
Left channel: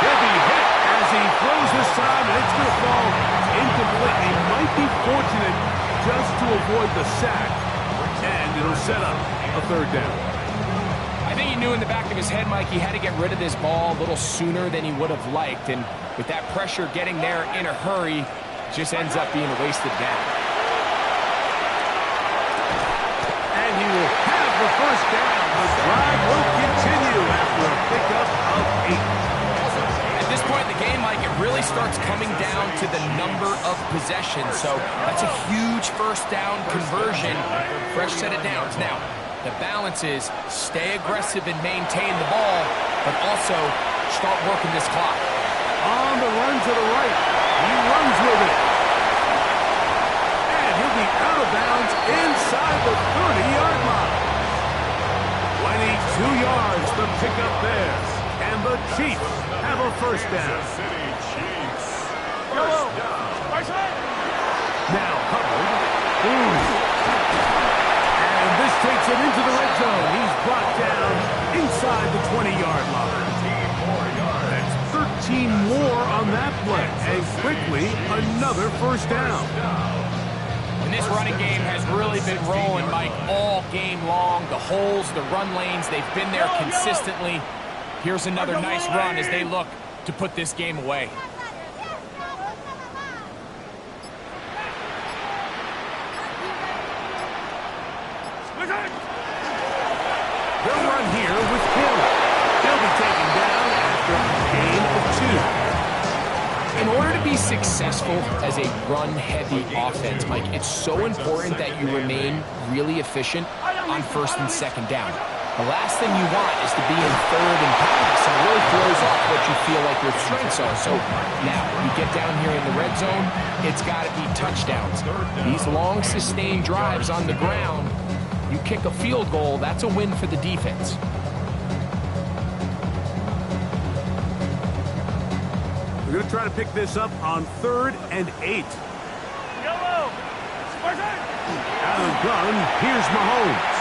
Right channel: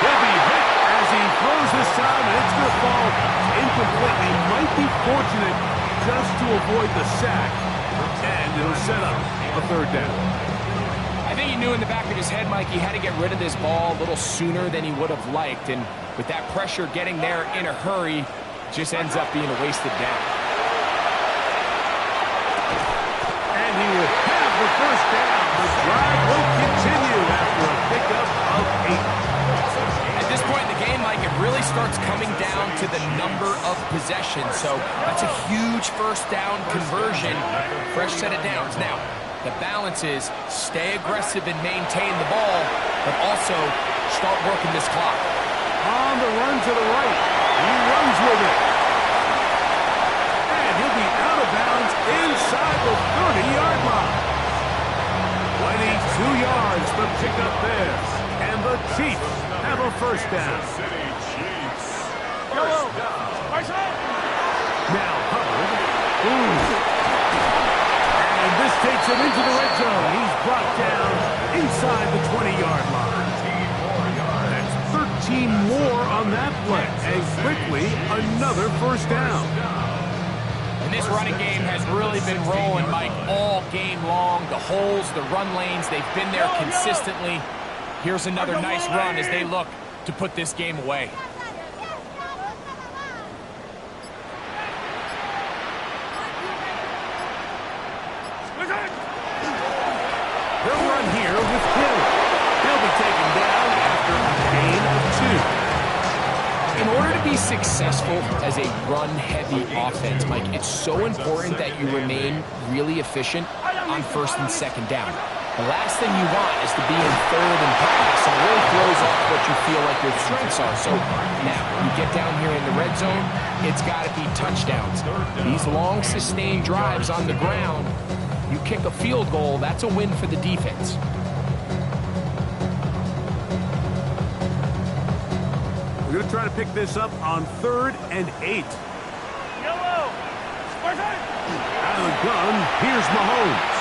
He'll be hit as he throws this time, and it's going to fall incomplete. He might be fortunate just to avoid the sack. And it'll set up a 3rd down. I think he knew in the back of his head, Mike, he had to get rid of this ball a little sooner than he would have liked. And with that pressure getting there in a hurry, just ends up being a wasted down. And he will have the first down. The drive will continue after a pickup of 8. At this point in the game, Mike, it really starts coming down to the number of possessions. So that's a huge first down conversion. Fresh set of downs. Now, the balance is stay aggressive and maintain the ball, but also start working this clock. On the run to the right. He runs with it. And he'll be out of bounds inside the 30-yard line. 22 yards to pick up there. And the Chiefs have a first down. City Chiefs. First down. Now Hubbard. And this takes him into the red zone. He's brought down inside the 20-yard line. 13 more yards. That's 13 more on that play. And quickly, another first down. And this running game has really been rolling, Mike, all game long. The holes, the run lanes, they've been there consistently. Here's another nice run as they look to put this game away. They'll run here with Hill. He'll be taken down after a gain of 2. In order to be successful as a run-heavy offense, Mike, it's so important that you remain really efficient on first and second down. The last thing you want is to be in third and pass, and it really throws off what you feel like your strengths are. So now, you get down here in the red zone, it's got to be touchdowns. These long, sustained drives on the ground, you kick a field goal, that's a win for the defense. We're going to try to pick this up on 3rd and 8. Yellow. Out of the gun, here's Mahomes.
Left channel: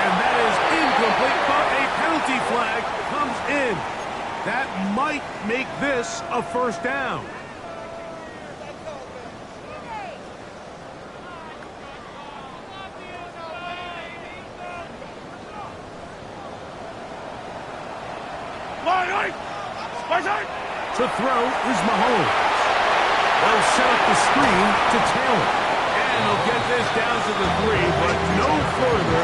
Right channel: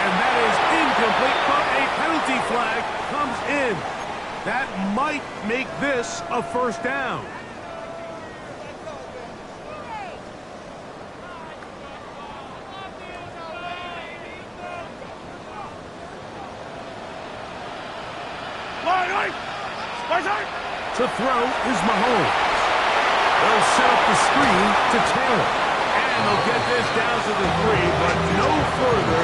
And that is incomplete, but a penalty flag comes in. That might make this a first down. To throw is Mahomes. They'll set up the screen to Taylor. And they'll get this down to the 3, but no further.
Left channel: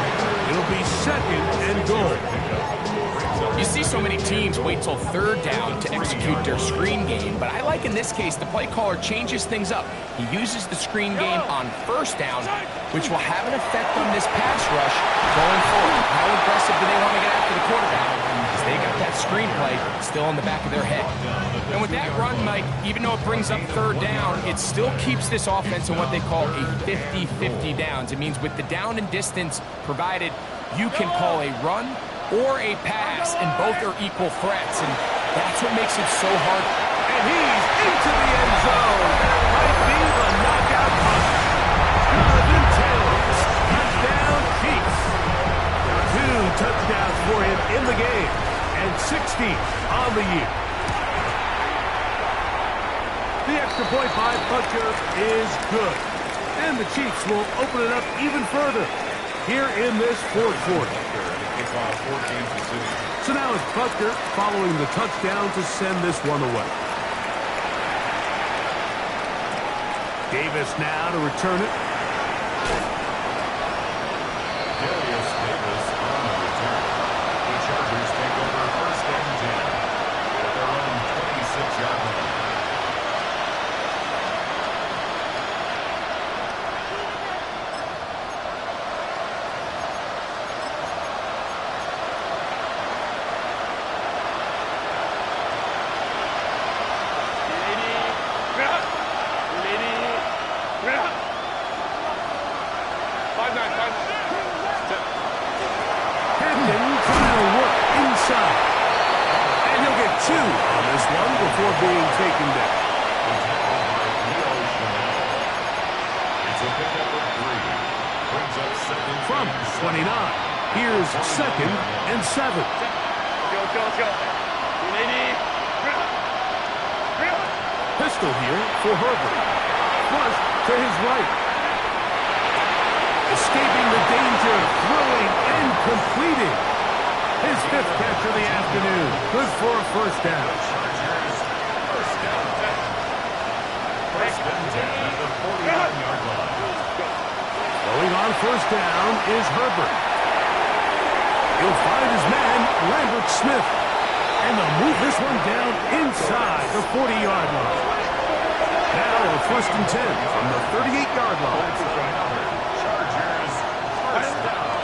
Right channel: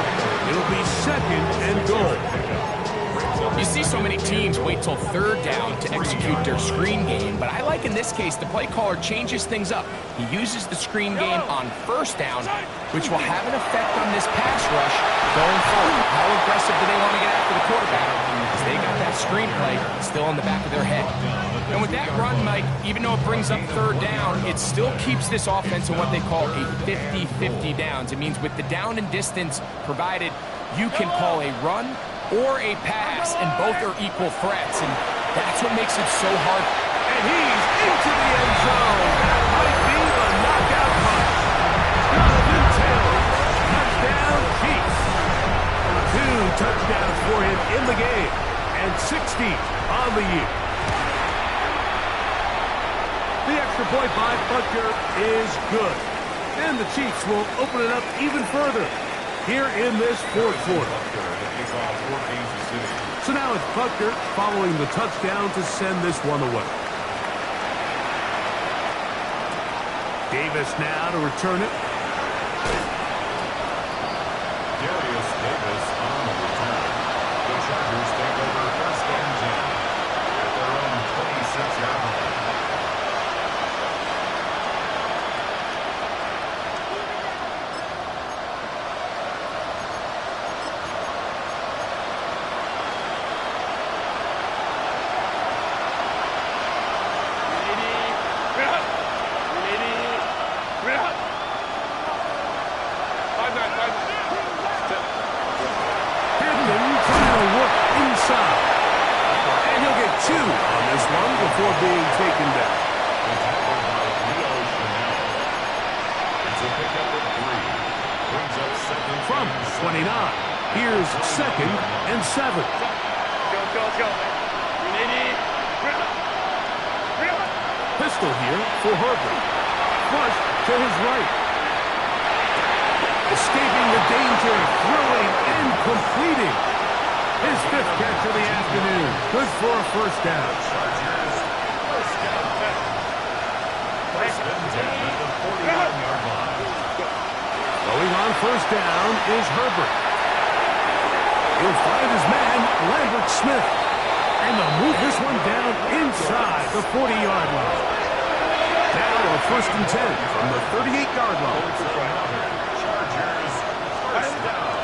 It'll be 2nd and goal. You see so many teams wait till 3rd down to execute their screen game, but I like in this case the play caller changes things up. He uses the screen game on 1st down, which will have an effect on this pass rush going forward. How aggressive do they want to get after the quarterback? Because they got that screenplay still in the back of their head. And with that run, Mike, even though it brings up 3rd down, it still keeps this offense in what they call a 50-50 downs. It means with the down and distance provided, you can call a run or a pass, and both are equal threats, and that's what makes it so hard. And he's into the end zone. That might be the knockout punch. Jonathan Taylor, touchdown Chiefs. 2 touchdowns for him in the game, and 16 on the year. The extra point by Butker is good, and the Chiefs will open it up even further here in this 4th quarter. So now it's Butker following the touchdown to send this one away. Davis now to return it. Darius Davis on the return. The Chargers take over 1st and 10 at their own 26-yard line. Before being taken down. The tackle by Leo Chanel. It's a pickup of 3. Brings up 2nd from 29. Here's 2nd and 7. Let's go. Pistol here for Herbert. Flush to his right. Escaping the danger, throwing and completing. His 5th catch of the afternoon. Good for a first down. Chargers, first down. First and 10 at the 49-yard line. Going on first down is Herbert. He'll find his man, Lambert Smith. And they'll move this one down inside the 40-yard line. Now a first and 10 from the 38-yard line. Chargers, first down.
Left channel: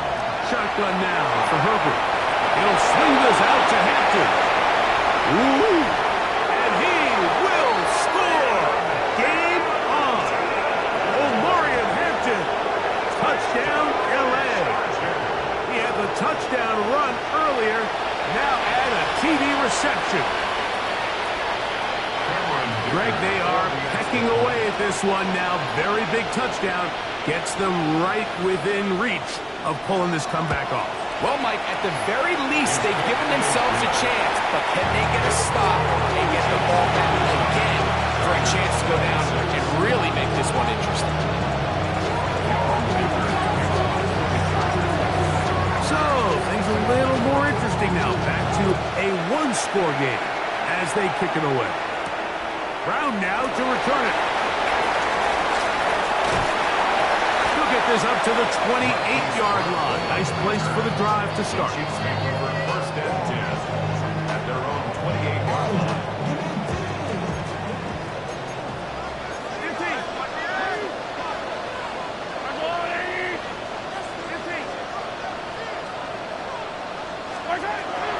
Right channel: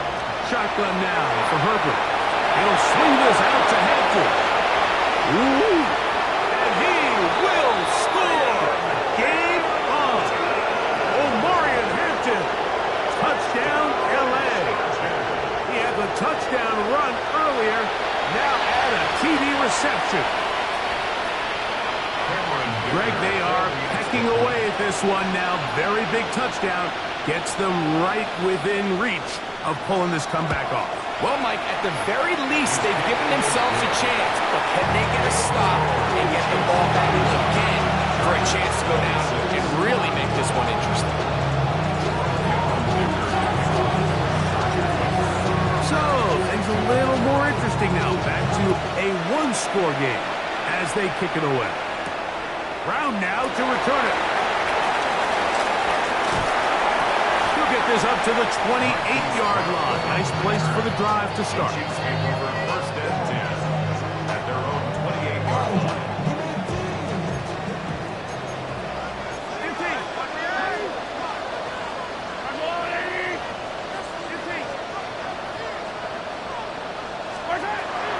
Shotgun now for Herbert. He'll swing this out to Hampton. Ooh, and he will score. Game on. Omarion Hampton. Touchdown, L.A. He had the touchdown run earlier. Now add a TD reception. Greg, they are pecking away at this one now. Very big touchdown. Gets them right within reach of pulling this comeback off. Well, Mike, at the very least, they've given themselves a chance. But can they get a stop and get the ball back again for a chance to go down and really make this one interesting? So, things a little more interesting now. Back to a one-score game as they kick it away. Brown now to return it. He'll get this up to the 28-yard line. Nice place for the drive to start. Chiefs take over first and 10 at their own 28-yard line.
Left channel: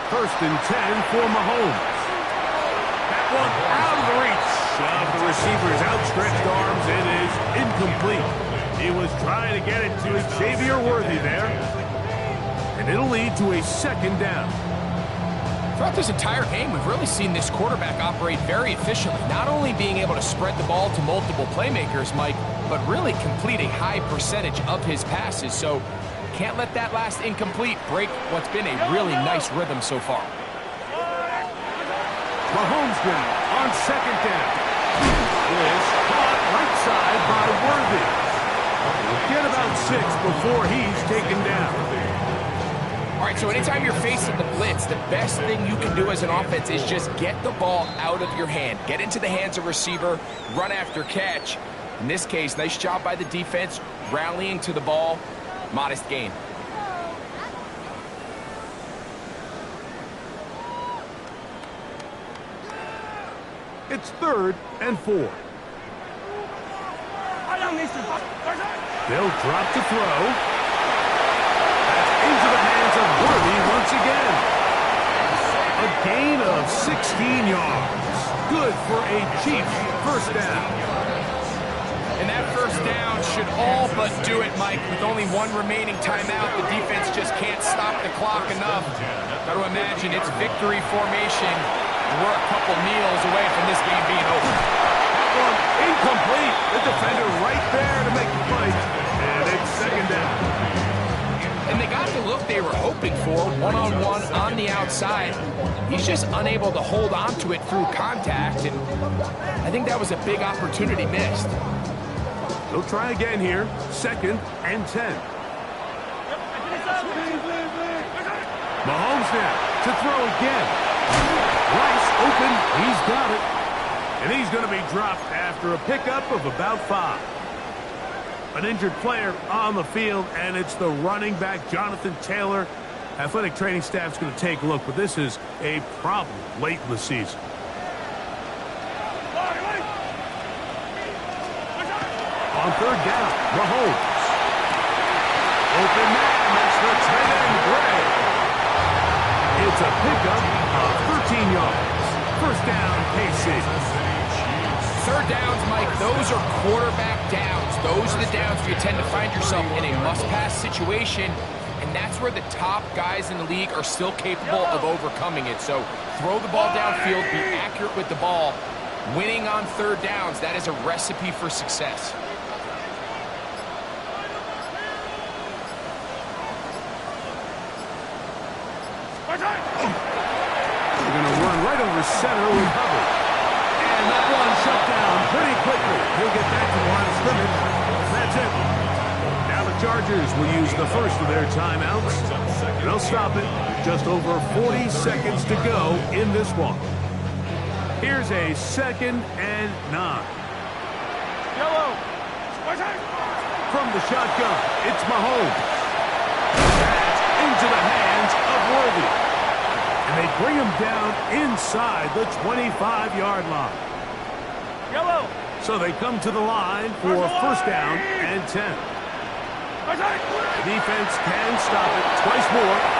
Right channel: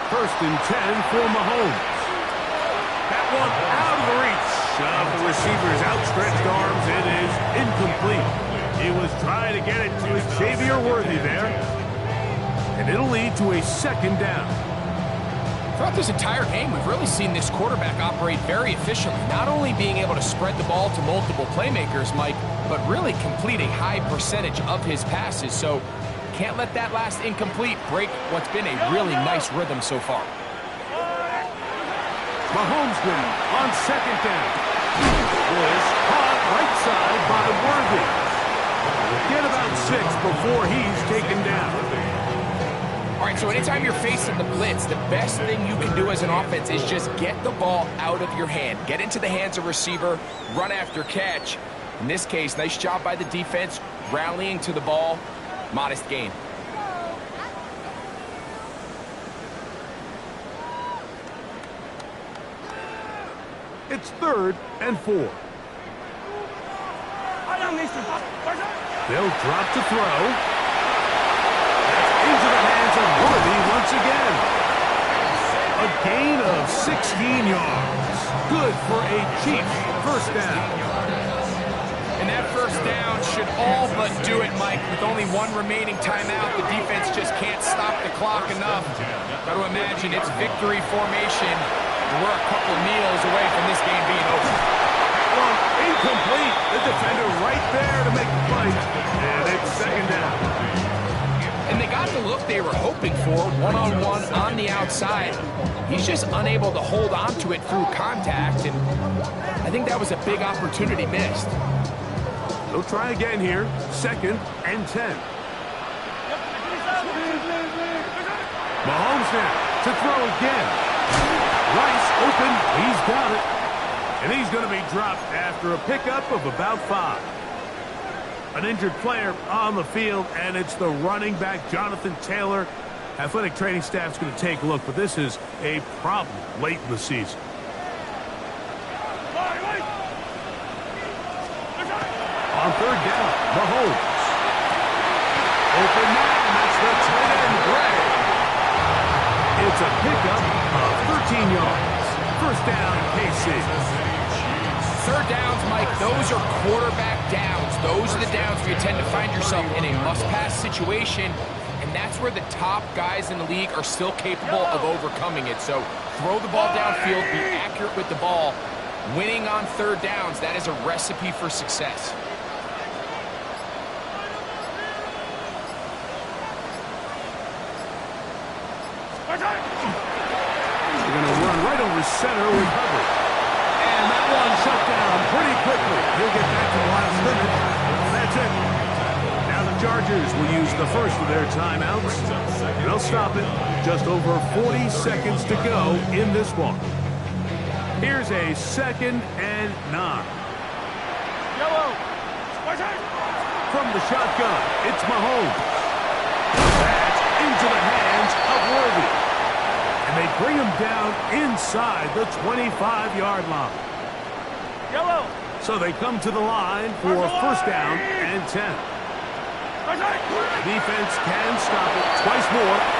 First and 10 for Mahomes. That one out of the reach of the receiver's outstretched arms. It is incomplete. He was trying to get it to Xavier Worthy there. And it'll lead to a second down. Throughout this entire game, we've really seen this quarterback operate very efficiently, not only being able to spread the ball to multiple playmakers, Mike, but really complete a high percentage of his passes. So can't let that last incomplete break what's been a really nice rhythm so far. Mahomes now on second down. This caught right side by Worthy. He'll get about 6 before he's taken down. All right, so anytime you're facing the blitz, the best thing you can do as an offense is just get the ball out of your hand. Get into the hands of receiver, run after catch. In this case, nice job by the defense, rallying to the ball. Modest gain. It's 3rd and 4. They'll drop to throw. That's into the hands of Worthy once again. A gain of 16 yards. Good for a Chiefs first down. And that first down should all but do it, Mike. With only one remaining timeout, the defense just can't stop the clock enough. Got to imagine it's victory formation. We're a couple kneels away from this game being over. That one incomplete. The defender right there to make the play. And it's second down. And they got the look they were hoping for, one-on-one on the outside. He's just unable to hold on to it through contact, and I think that was a big opportunity missed. They'll try again here. 2nd and 10. Mahomes now to throw again. Rice open. He's got it. And he's going to be dropped after a pickup of about 5. An injured player on the field, and it's the running back, Jonathan Taylor. Athletic training staff's going to take a look, but this is a problem late in the season. On 3rd down, Mahomes. Open man, that's the tight end, Gray. It's a pickup of 13 yards. First down, KC. 3rd downs, Mike, those are quarterback downs. Those are the downs where you tend to find yourself in a must-pass situation, and that's where the top guys in the league are still capable of overcoming it. So throw the ball downfield, be accurate with the ball. Winning on 3rd downs, that is a recipe for success. They're going to run right over center with Hubbard. And that one shut down pretty quickly. He'll get back to the line of scrimmage. That's it. Now the Chargers will use the first of their timeouts. They'll stop it just over 40 seconds to go in this one. Here's a 2nd and 9. Yellow. From the shotgun, it's Mahomes. That's into the hands of Worthy. And they bring him down inside the 25-yard line. Yellow. So they come to the line for 1st down and 10. The defense can stop it twice more.